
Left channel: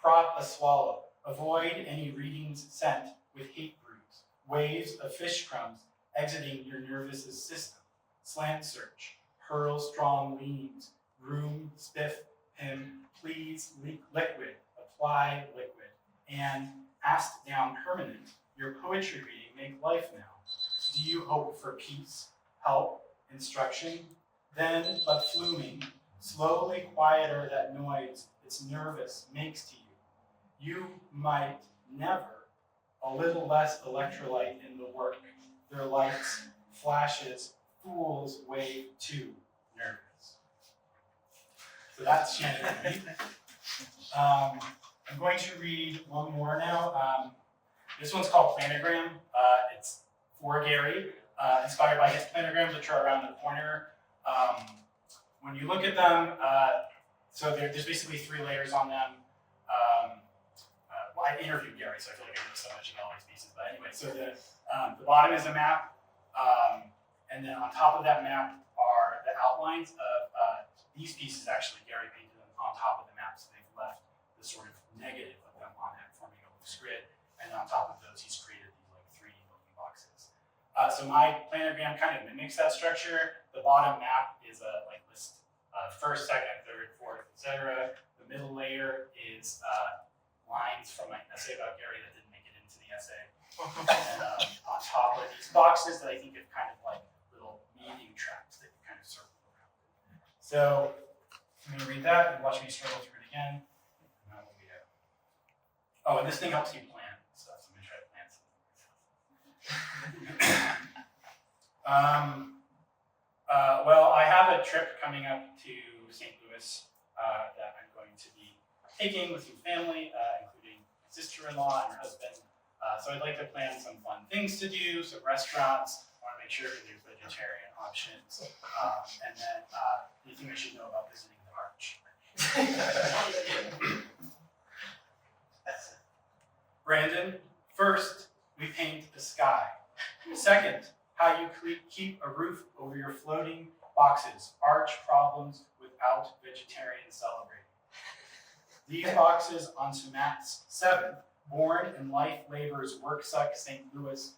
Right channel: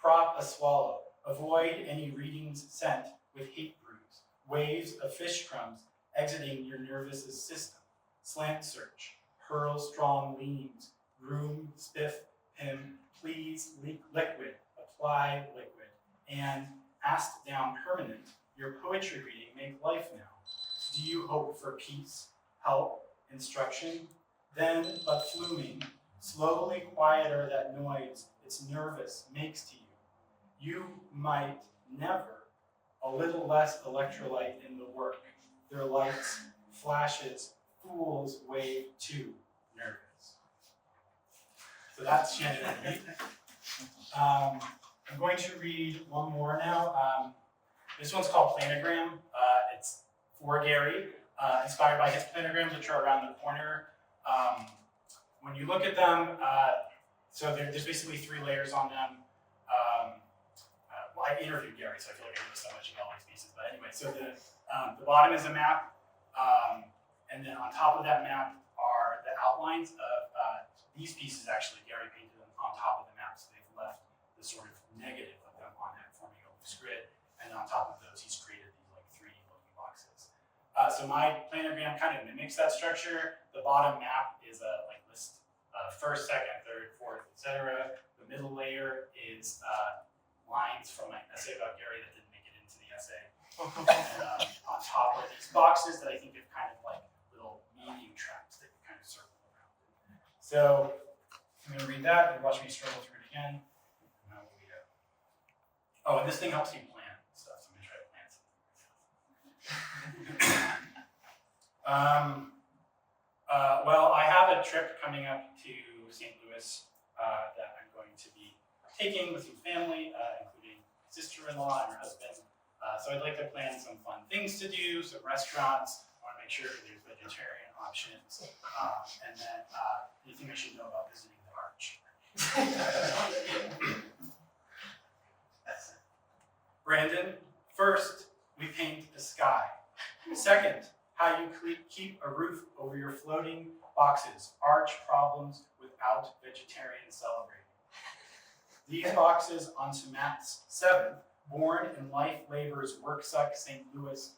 Crop a swallow. Avoid any reading's scent with hate brews. Waves of fish crumbs exiting your nervous system. Slant search. Hurl strong leans. Room, spiff, him, please, liquid, apply liquid. And asked down permanent, your poetry reading make life now. Do you hope for peace, help, instruction? Then, but fluming, slowly quieter that noise it's nervous makes to you. You might never, a little less electrolyte in the work. Their lights, flashes, fools way too nervous. So that's Shannon. I'm going to read one more now. This one's called Planogram. It's for Garry, inspired by his planograms, which are around the corner. When you look at them, so there's basically 3 layers on them. Well, I interviewed Garry, so I feel like I know so much about all these pieces. But anyway, so the bottom is a map, and then on top of that map are the outlines of these pieces. Actually, Garry painted them on top of the map, so they've left the sort of negative of them on that, forming a loose grid. And on top of those, he's created these like 3D looking boxes. So my planogram kind of mimics that structure. The bottom map is a like list first, second, third, fourth, etc. The middle layer is lines from my essay about Garry that didn't make it into the essay. And on top are these boxes that I think of kind of like little meaning traps that you kind of circle around. So I'm going to read that and watch me struggle through it again. And that will be it. Oh, and this thing helps you plan stuff, so I'm going to try to plan something. Well, I have a trip coming up to St. Louis that I'm going to be taking with some family, including my sister-in-law and her husband. So I'd like to plan some fun things to do, some restaurants. I want to make sure there's vegetarian options, and then anything I should know about visiting the arch. Brandon, first, we paint the sky. Second, how you keep a roof over your floating boxes, arch problems without vegetarian celebrating. These boxes onto mats. 7, born in life labor's work suck St. Louis,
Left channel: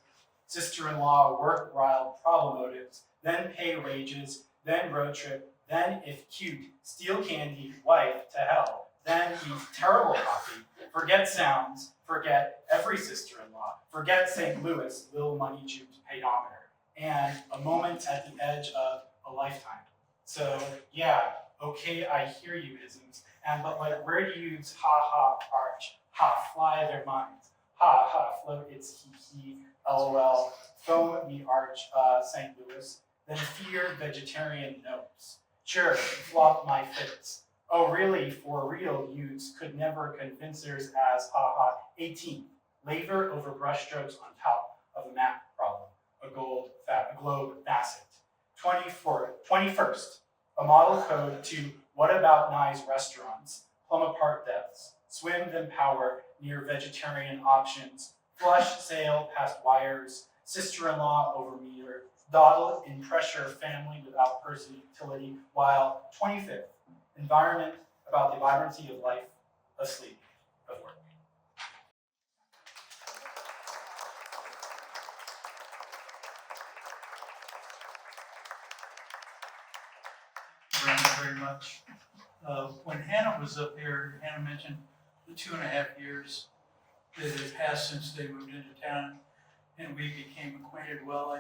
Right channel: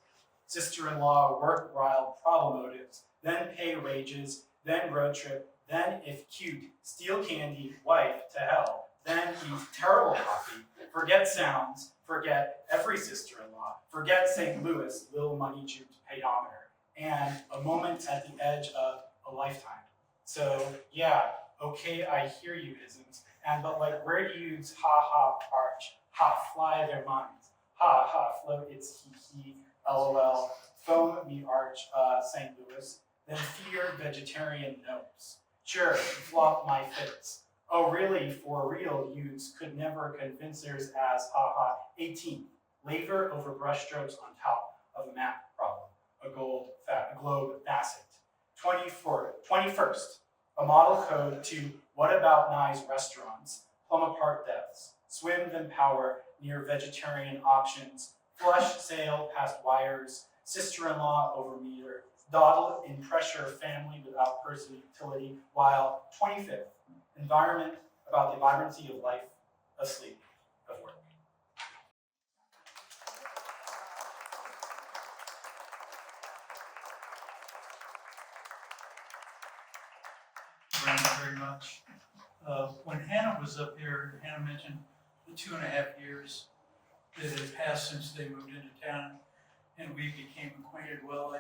sister-in-law work wild problem motives, then pay wages, then road trip, then if cute, steal candy, wife to hell, then eat terrible coffee, forget sounds, forget every sister-in-law, forget St. Louis, little money juked pedometer, and a moment at the edge of a lifetime. So yeah, okay, I hear you isms, but like where do you use ha ha arch, ha fly their minds, ha ha float it's he lol, foam me arch St. Louis, then fear vegetarian notes. Sure, flop my fits. Oh really, for real, youths could never convincers as haha. 18, labor over brushstrokes on top of a map problem, a globe facet. 21st, a model code to what about nice restaurants, plum apart deaths, swim then power near vegetarian options, flush sail past wires, sister-in-law over meter, dawdle in pressure family without versatility, while 25th, environment about the vibrancy of life, of sleep, of work. Thank you very much. When Hannah was up here, Hannah mentioned the 2.5 years that had passed since they moved into town and we became acquainted well.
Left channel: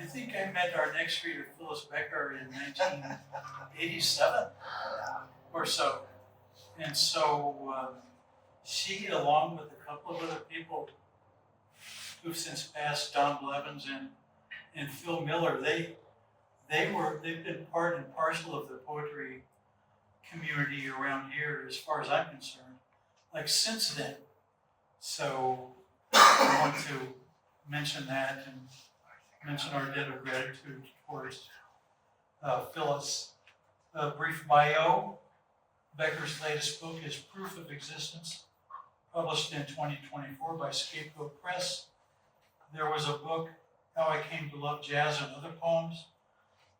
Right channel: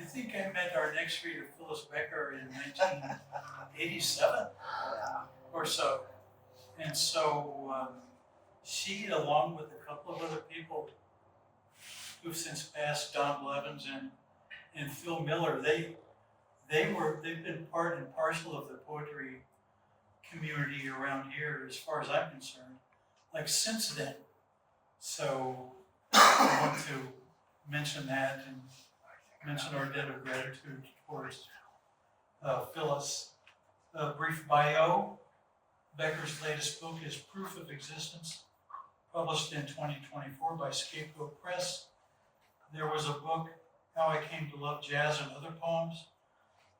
I think I met our next reader, Phyllis Becker, in 1987 or so. And so she, along with a couple of other people who've since passed, Don Blevins and Phil Miller, they've been part and parcel of the poetry community around here, as far as I'm concerned, like since then. So I want to mention that and mention our debt of gratitude towards Phyllis. A brief bio. Becker's latest book is Proof of Existence, published in 2024 by Scapegoat Press. There was a book, How I Came to Love Jazz and Other Poems,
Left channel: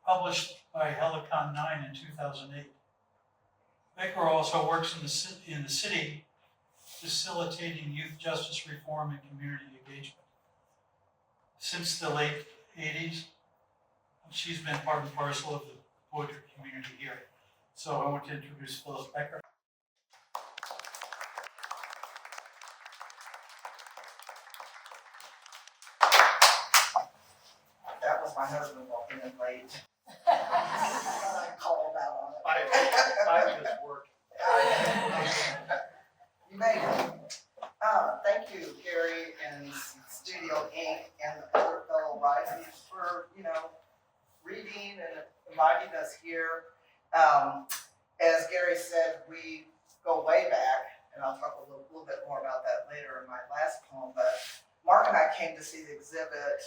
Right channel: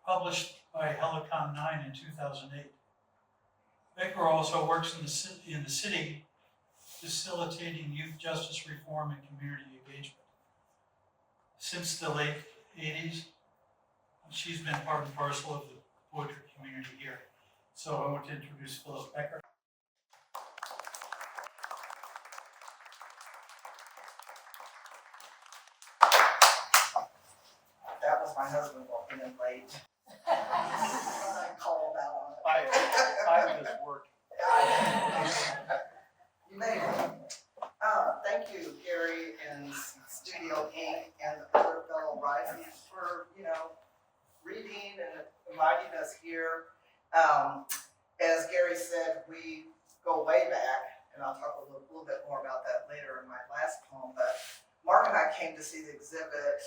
published by Helicon 9 in 2008. Becker also works in the city, facilitating youth justice reform and community engagement. Since the late 80s, she's been part and parcel of the poetry community here. So I want to introduce Phyllis Becker. That was my husband walking in late. I called out on it. I just work. You made it. Thank you, Garry and Studio Inc. and the other fellow writers for, reading and inviting us here. As Garry said, we go way back, and I'll talk a little bit more about that later in my last poem, but Mark and I came to see the exhibit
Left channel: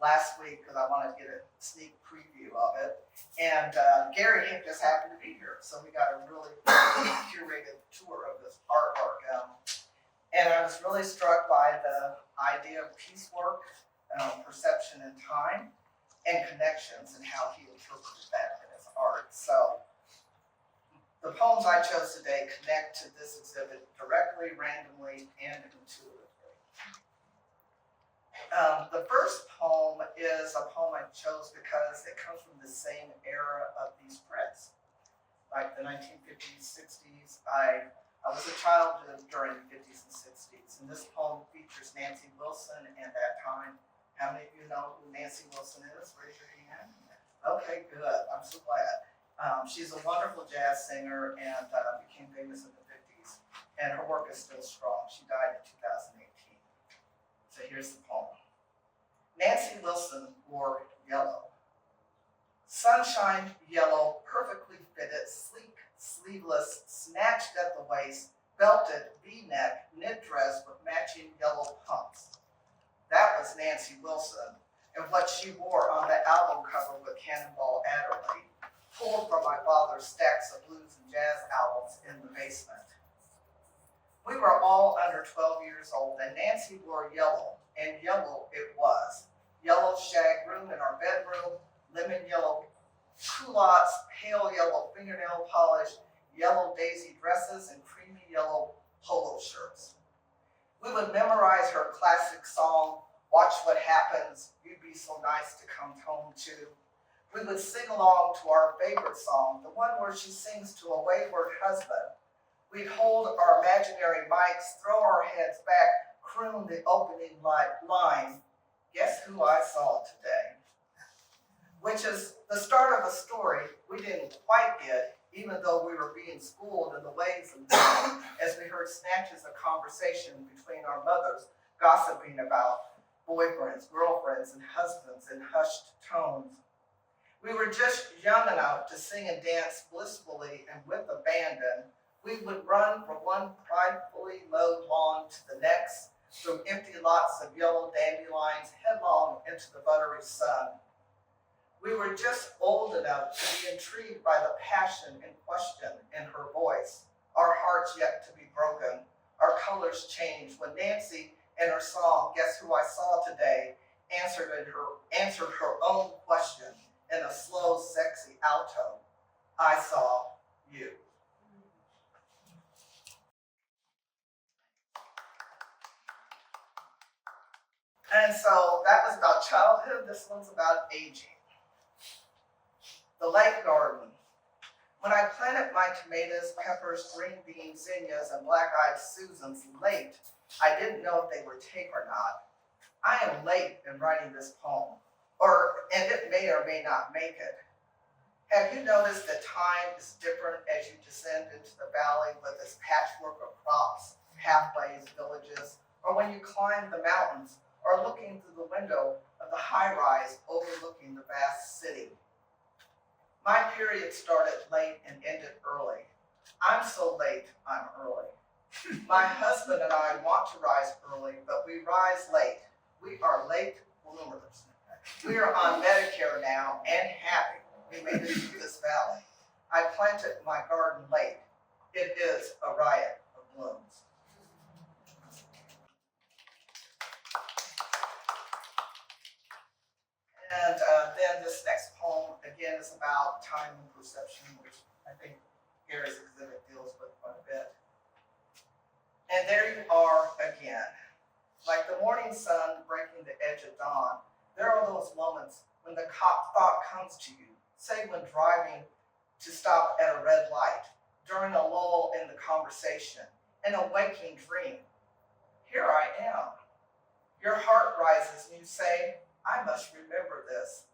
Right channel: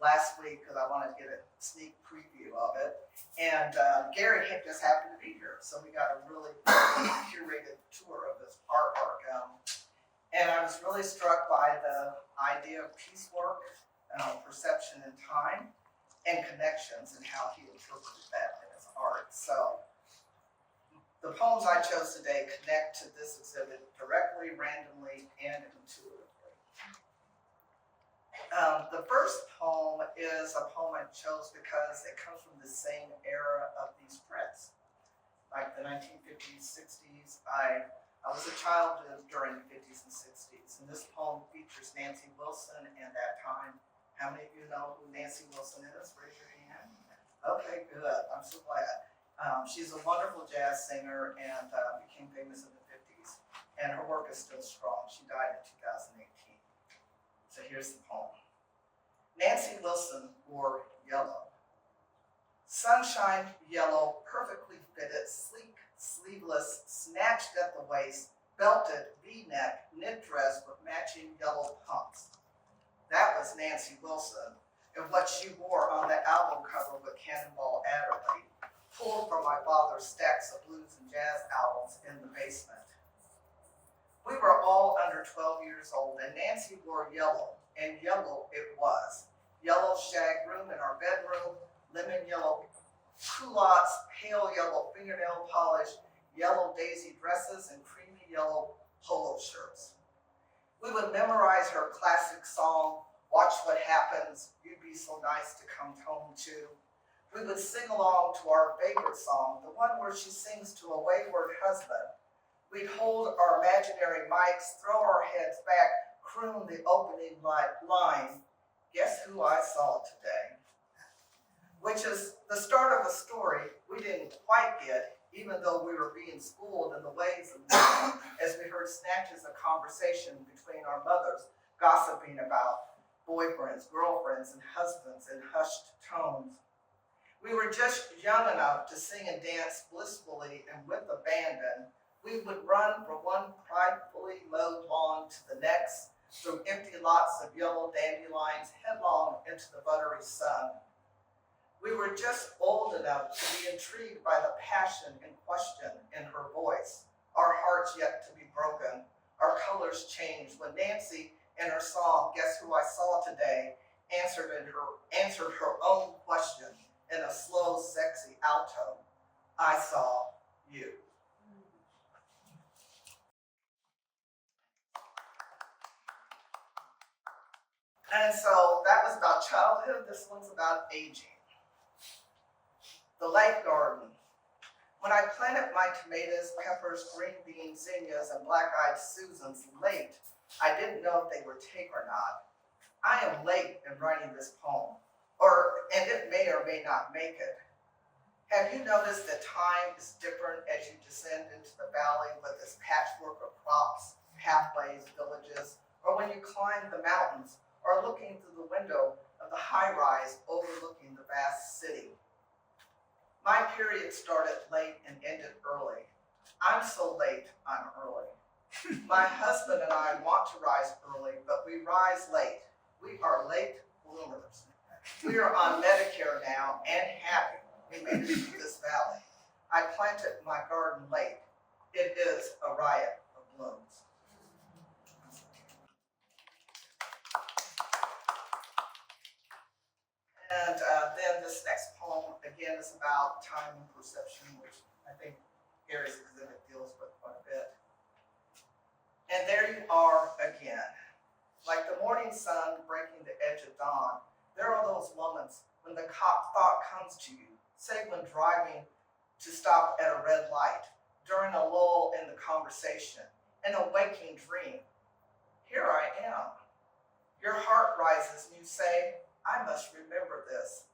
last week because I wanted to get a sneak preview of it. And Garry just happened to be here, so we got a really curated tour of his artwork. And I was really struck by the idea of piecework, perception in time, and connections, and how he interpreted that in his art. So the poems I chose today connect to this exhibit directly, randomly, and intuitively. The first poem is a poem I chose because it comes from the same era of these prints, like the 1950s, 60s. I was a child during the 50s and 60s, and this poem features Nancy Wilson and that time. How many of you know who Nancy Wilson is? Raise your hand. Okay, good. I'm so glad. She's a wonderful jazz singer and became famous in the 50s, and her work is still strong. She died in 2018. So here's the poem. Nancy Wilson wore yellow. Sunshine yellow, perfectly fitted, sleek, sleeveless, snatched at the waist, belted, V-neck, knit dress with matching yellow pumps. That was Nancy Wilson, and what she wore on the album cover with Cannonball Adderley, pulled from my father's stacks of blues and jazz albums in the basement. We were all under 12 years old, and Nancy wore yellow, and yellow it was. Yellow shag room in our bedroom, lemon yellow culottes, pale yellow fingernail polish, yellow daisy dresses, and creamy yellow polo shirts. We would memorize her classic song, Watch What Happens, You'd Be So Nice to Come Home To. We would sing along to our favorite song, the one where she sings to a wayward husband. We'd hold our imaginary mics, throw our heads back, croon the opening line, Guess Who I Saw Today? Which is the start of a story we didn't quite get, even though we were being schooled in the ways of men, as we heard snatches of conversation between our mothers, gossiping about boyfriends, girlfriends, and husbands in hushed tones. We were just young enough to sing and dance blissfully and with abandon. We would run from one pridefully mowed lawn to the next, through empty lots of yellow dandelions, headlong into the buttery sun. We were just old enough to be intrigued by the passion and question in her voice, our hearts yet to be broken, our colors changed when Nancy, in her song, Guess Who I Saw Today, answered her own question in a slow, sexy alto. I saw you. And so that was about childhood. This one's about aging. The late garden. When I planted my tomatoes, peppers, green beans, zinnias, and black-eyed Susans late, I didn't know if they would take or not. I am late in writing this poem, and it may or may not make it. Have you noticed that time is different as you descend into the valley with its patchwork of crops, pathways, villages, or when you climb the mountains, or looking through the window of the high-rise overlooking the vast city? My period started late and ended early. I'm so late, I'm early. My husband and I want to rise early, but we rise late. We are late bloomers. We are on Medicare now and happy we made it through this valley. I planted my garden late. It is a riot of blooms. And then this next poem, again, is about time and perception, which I think Garry's exhibit deals with quite a bit. And there you are again. Like the morning sun breaking the edge of dawn, there are those moments when the thought comes to you, say when driving to stop at a red light, during a lull in the conversation, in a waking dream. Here I am. Your heart rises and you say, I must remember this.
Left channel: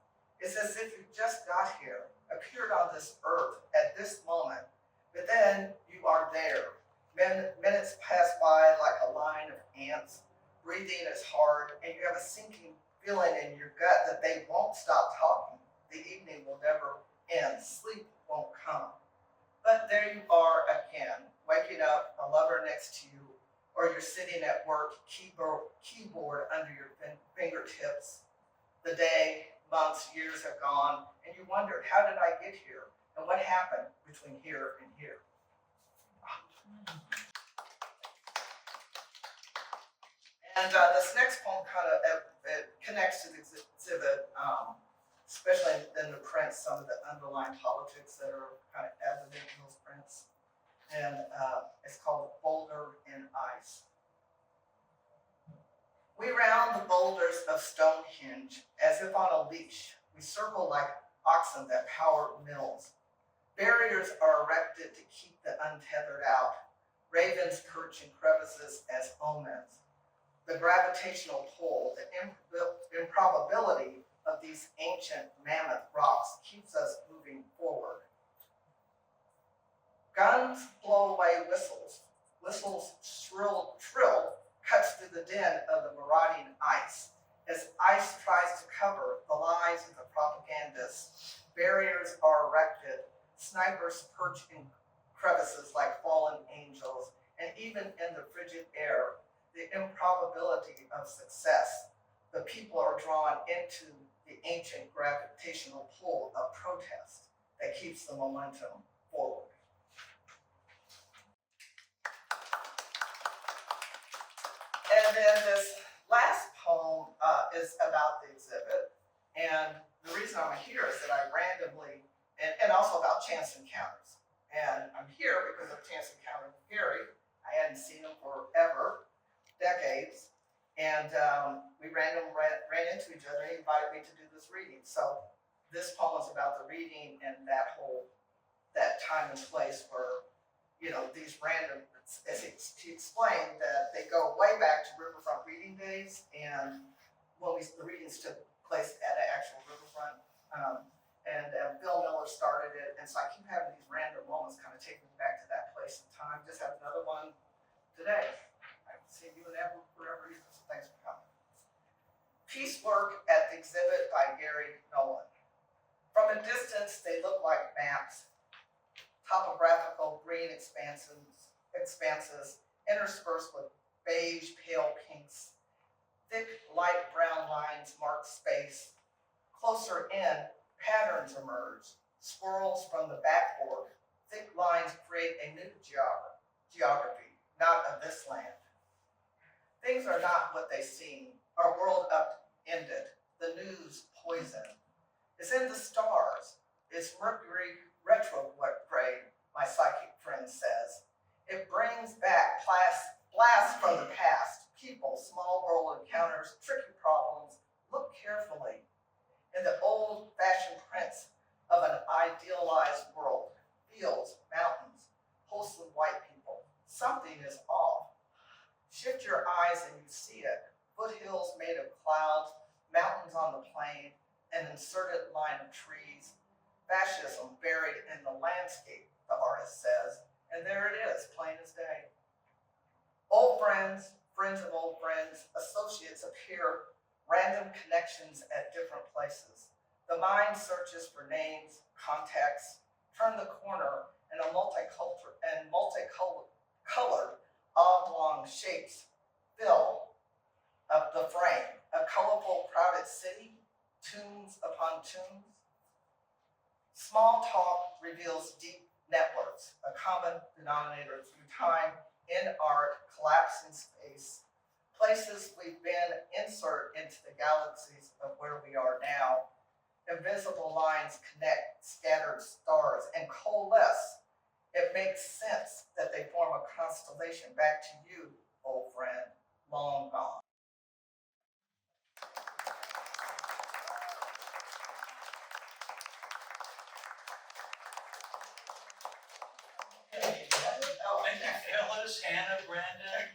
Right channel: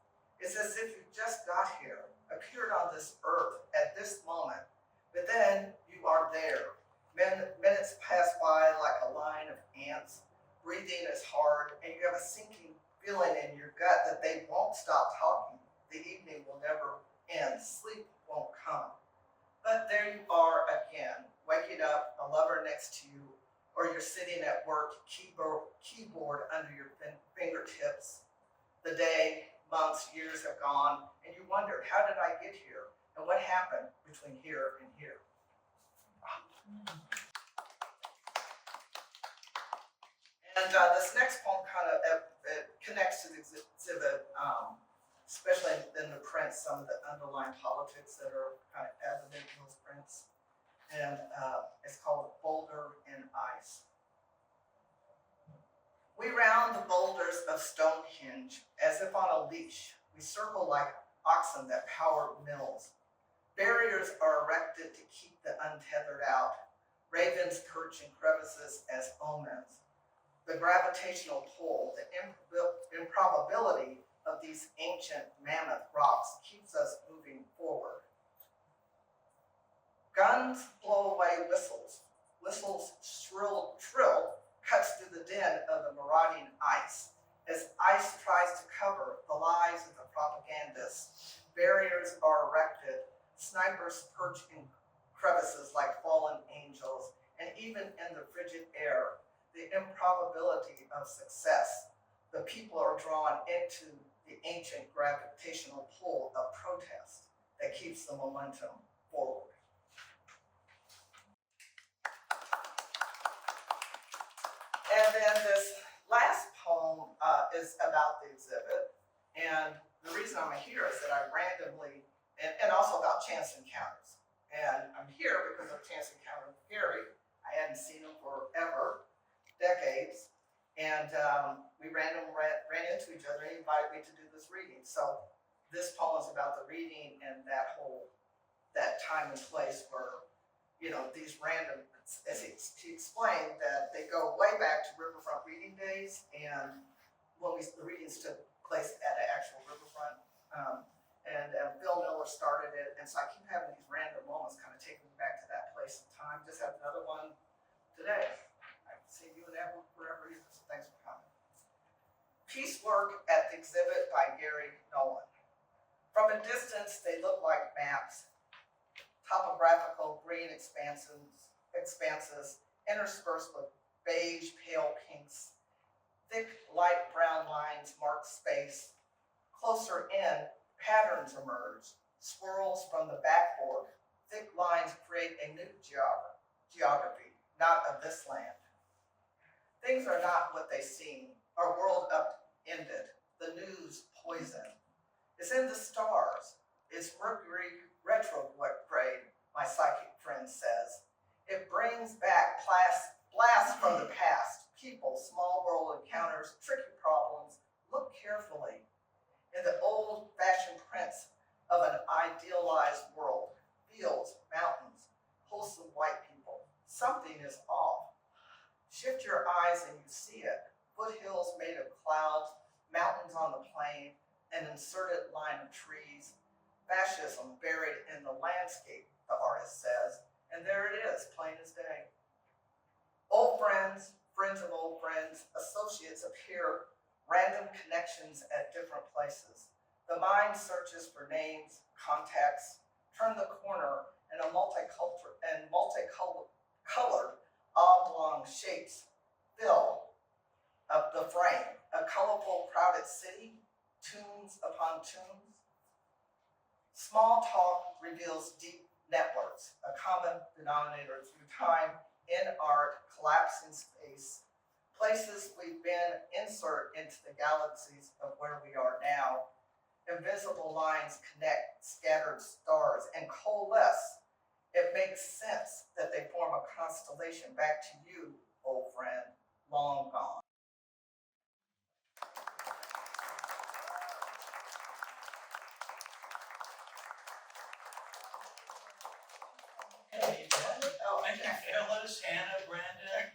It's as if you just got here, appeared on this earth at this moment, but then you are there. Minutes pass by like a line of ants. Breathing is hard, and you have a sinking feeling in your gut that they won't stop talking. The evening will never end. Sleep won't come. But there you are again, waking up, a lover next to you, or you're sitting at work, keyboard under your fingertips. The day, months, years have gone, and you wondered, how did I get here? And what happened between here and here? And this next poem kind of it connects to the exhibit, especially in the prints, some of the underlying politics that are kind of evident in those prints. And it's called Boulder and Ice. We round the boulders of Stonehenge as if on a leash. We circle like oxen that power mills. Barriers are erected to keep the untethered out. Ravens perch in crevices as omens. The gravitational pull, the improbability of these ancient mammoth rocks keeps us moving forward. Guns blow away whistles. Whistles shrill cuts through the din of the marauding ice. As ice tries to cover the lies of the propagandists, barriers are erected. Snipers perch in crevices like fallen angels, and even in the frigid air, the improbability of success, the people are drawn into the ancient gravitational pull of protest that keeps the momentum forward. And then this last poem is about the exhibit. And the reason I'm here is that I randomly, and also about chance encounters. And I'm here because of chance encounter with Garry. I hadn't seen him forever, decades. And we randomly ran into each other and he invited me to do this reading. So this poem is about the reading and that time and place where, you know, these random, as he explained, that they go way back to Riverfront reading days, and when the readings took place at an actual riverfront, and Bill Miller started it, and so I keep having these random moments kind of taking me back to that place and time. Just had another one today. I haven't seen you in Edward forever either, so thanks for coming. Piecework at the exhibit by Garry Noland. From a distance, they look like maps, topographical green expanses interspersed with beige pale pinks. Thick light brown lines mark space. Closer in, patterns emerge, swirls from the backboard. Thick lines create a new geography, not of this land. Things are not what they seem. Our world upended. The news poison. It's in the stars. It's Mercury retrograde, my psychic friend says. It brings back blasts from the past, people, small world encounters, tricky problems. Look carefully. In the old-fashioned prints of an idealized world, fields, mountains, wholesome white people. Something is off. Shift your eyes and you see it. Foothills made of clouds, mountains on the plain, an inserted line of trees. Fascism buried in the landscape, the artist says, and there it is, plain as day. Old friends, friends of old friends, associates appear, random connections at different places. The mind searches for names, contexts, turn the corner, and multicolored oblong shapes fill up the frame. A colorful, crowded city, tombs upon tombs. Small talk reveals deep networks, a common denominator through time, in art, collapsing space. Places we've been insert into the galaxies of where we are now. Invisible lines connect scattered stars and coalesce. It makes sense that they form a constellation back to you, old friend, long gone. Thank you, Phyllis, Hannah, Brandan,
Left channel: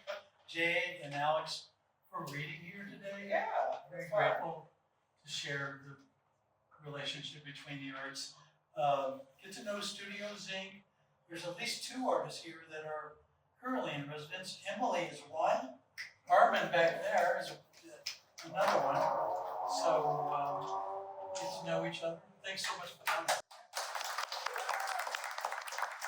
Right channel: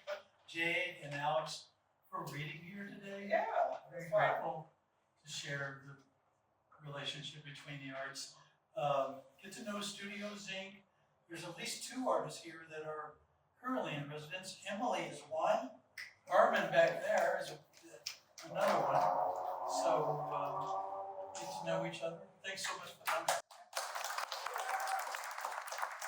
Jade, and Alex for reading here today. Yeah. Very grateful to share the relationship between the arts. Get to Know Studios Inc. There's at least 2 artists here that are currently in residence. Emily is one. Armin back there is another one. So get to know each other. Thanks so much for coming.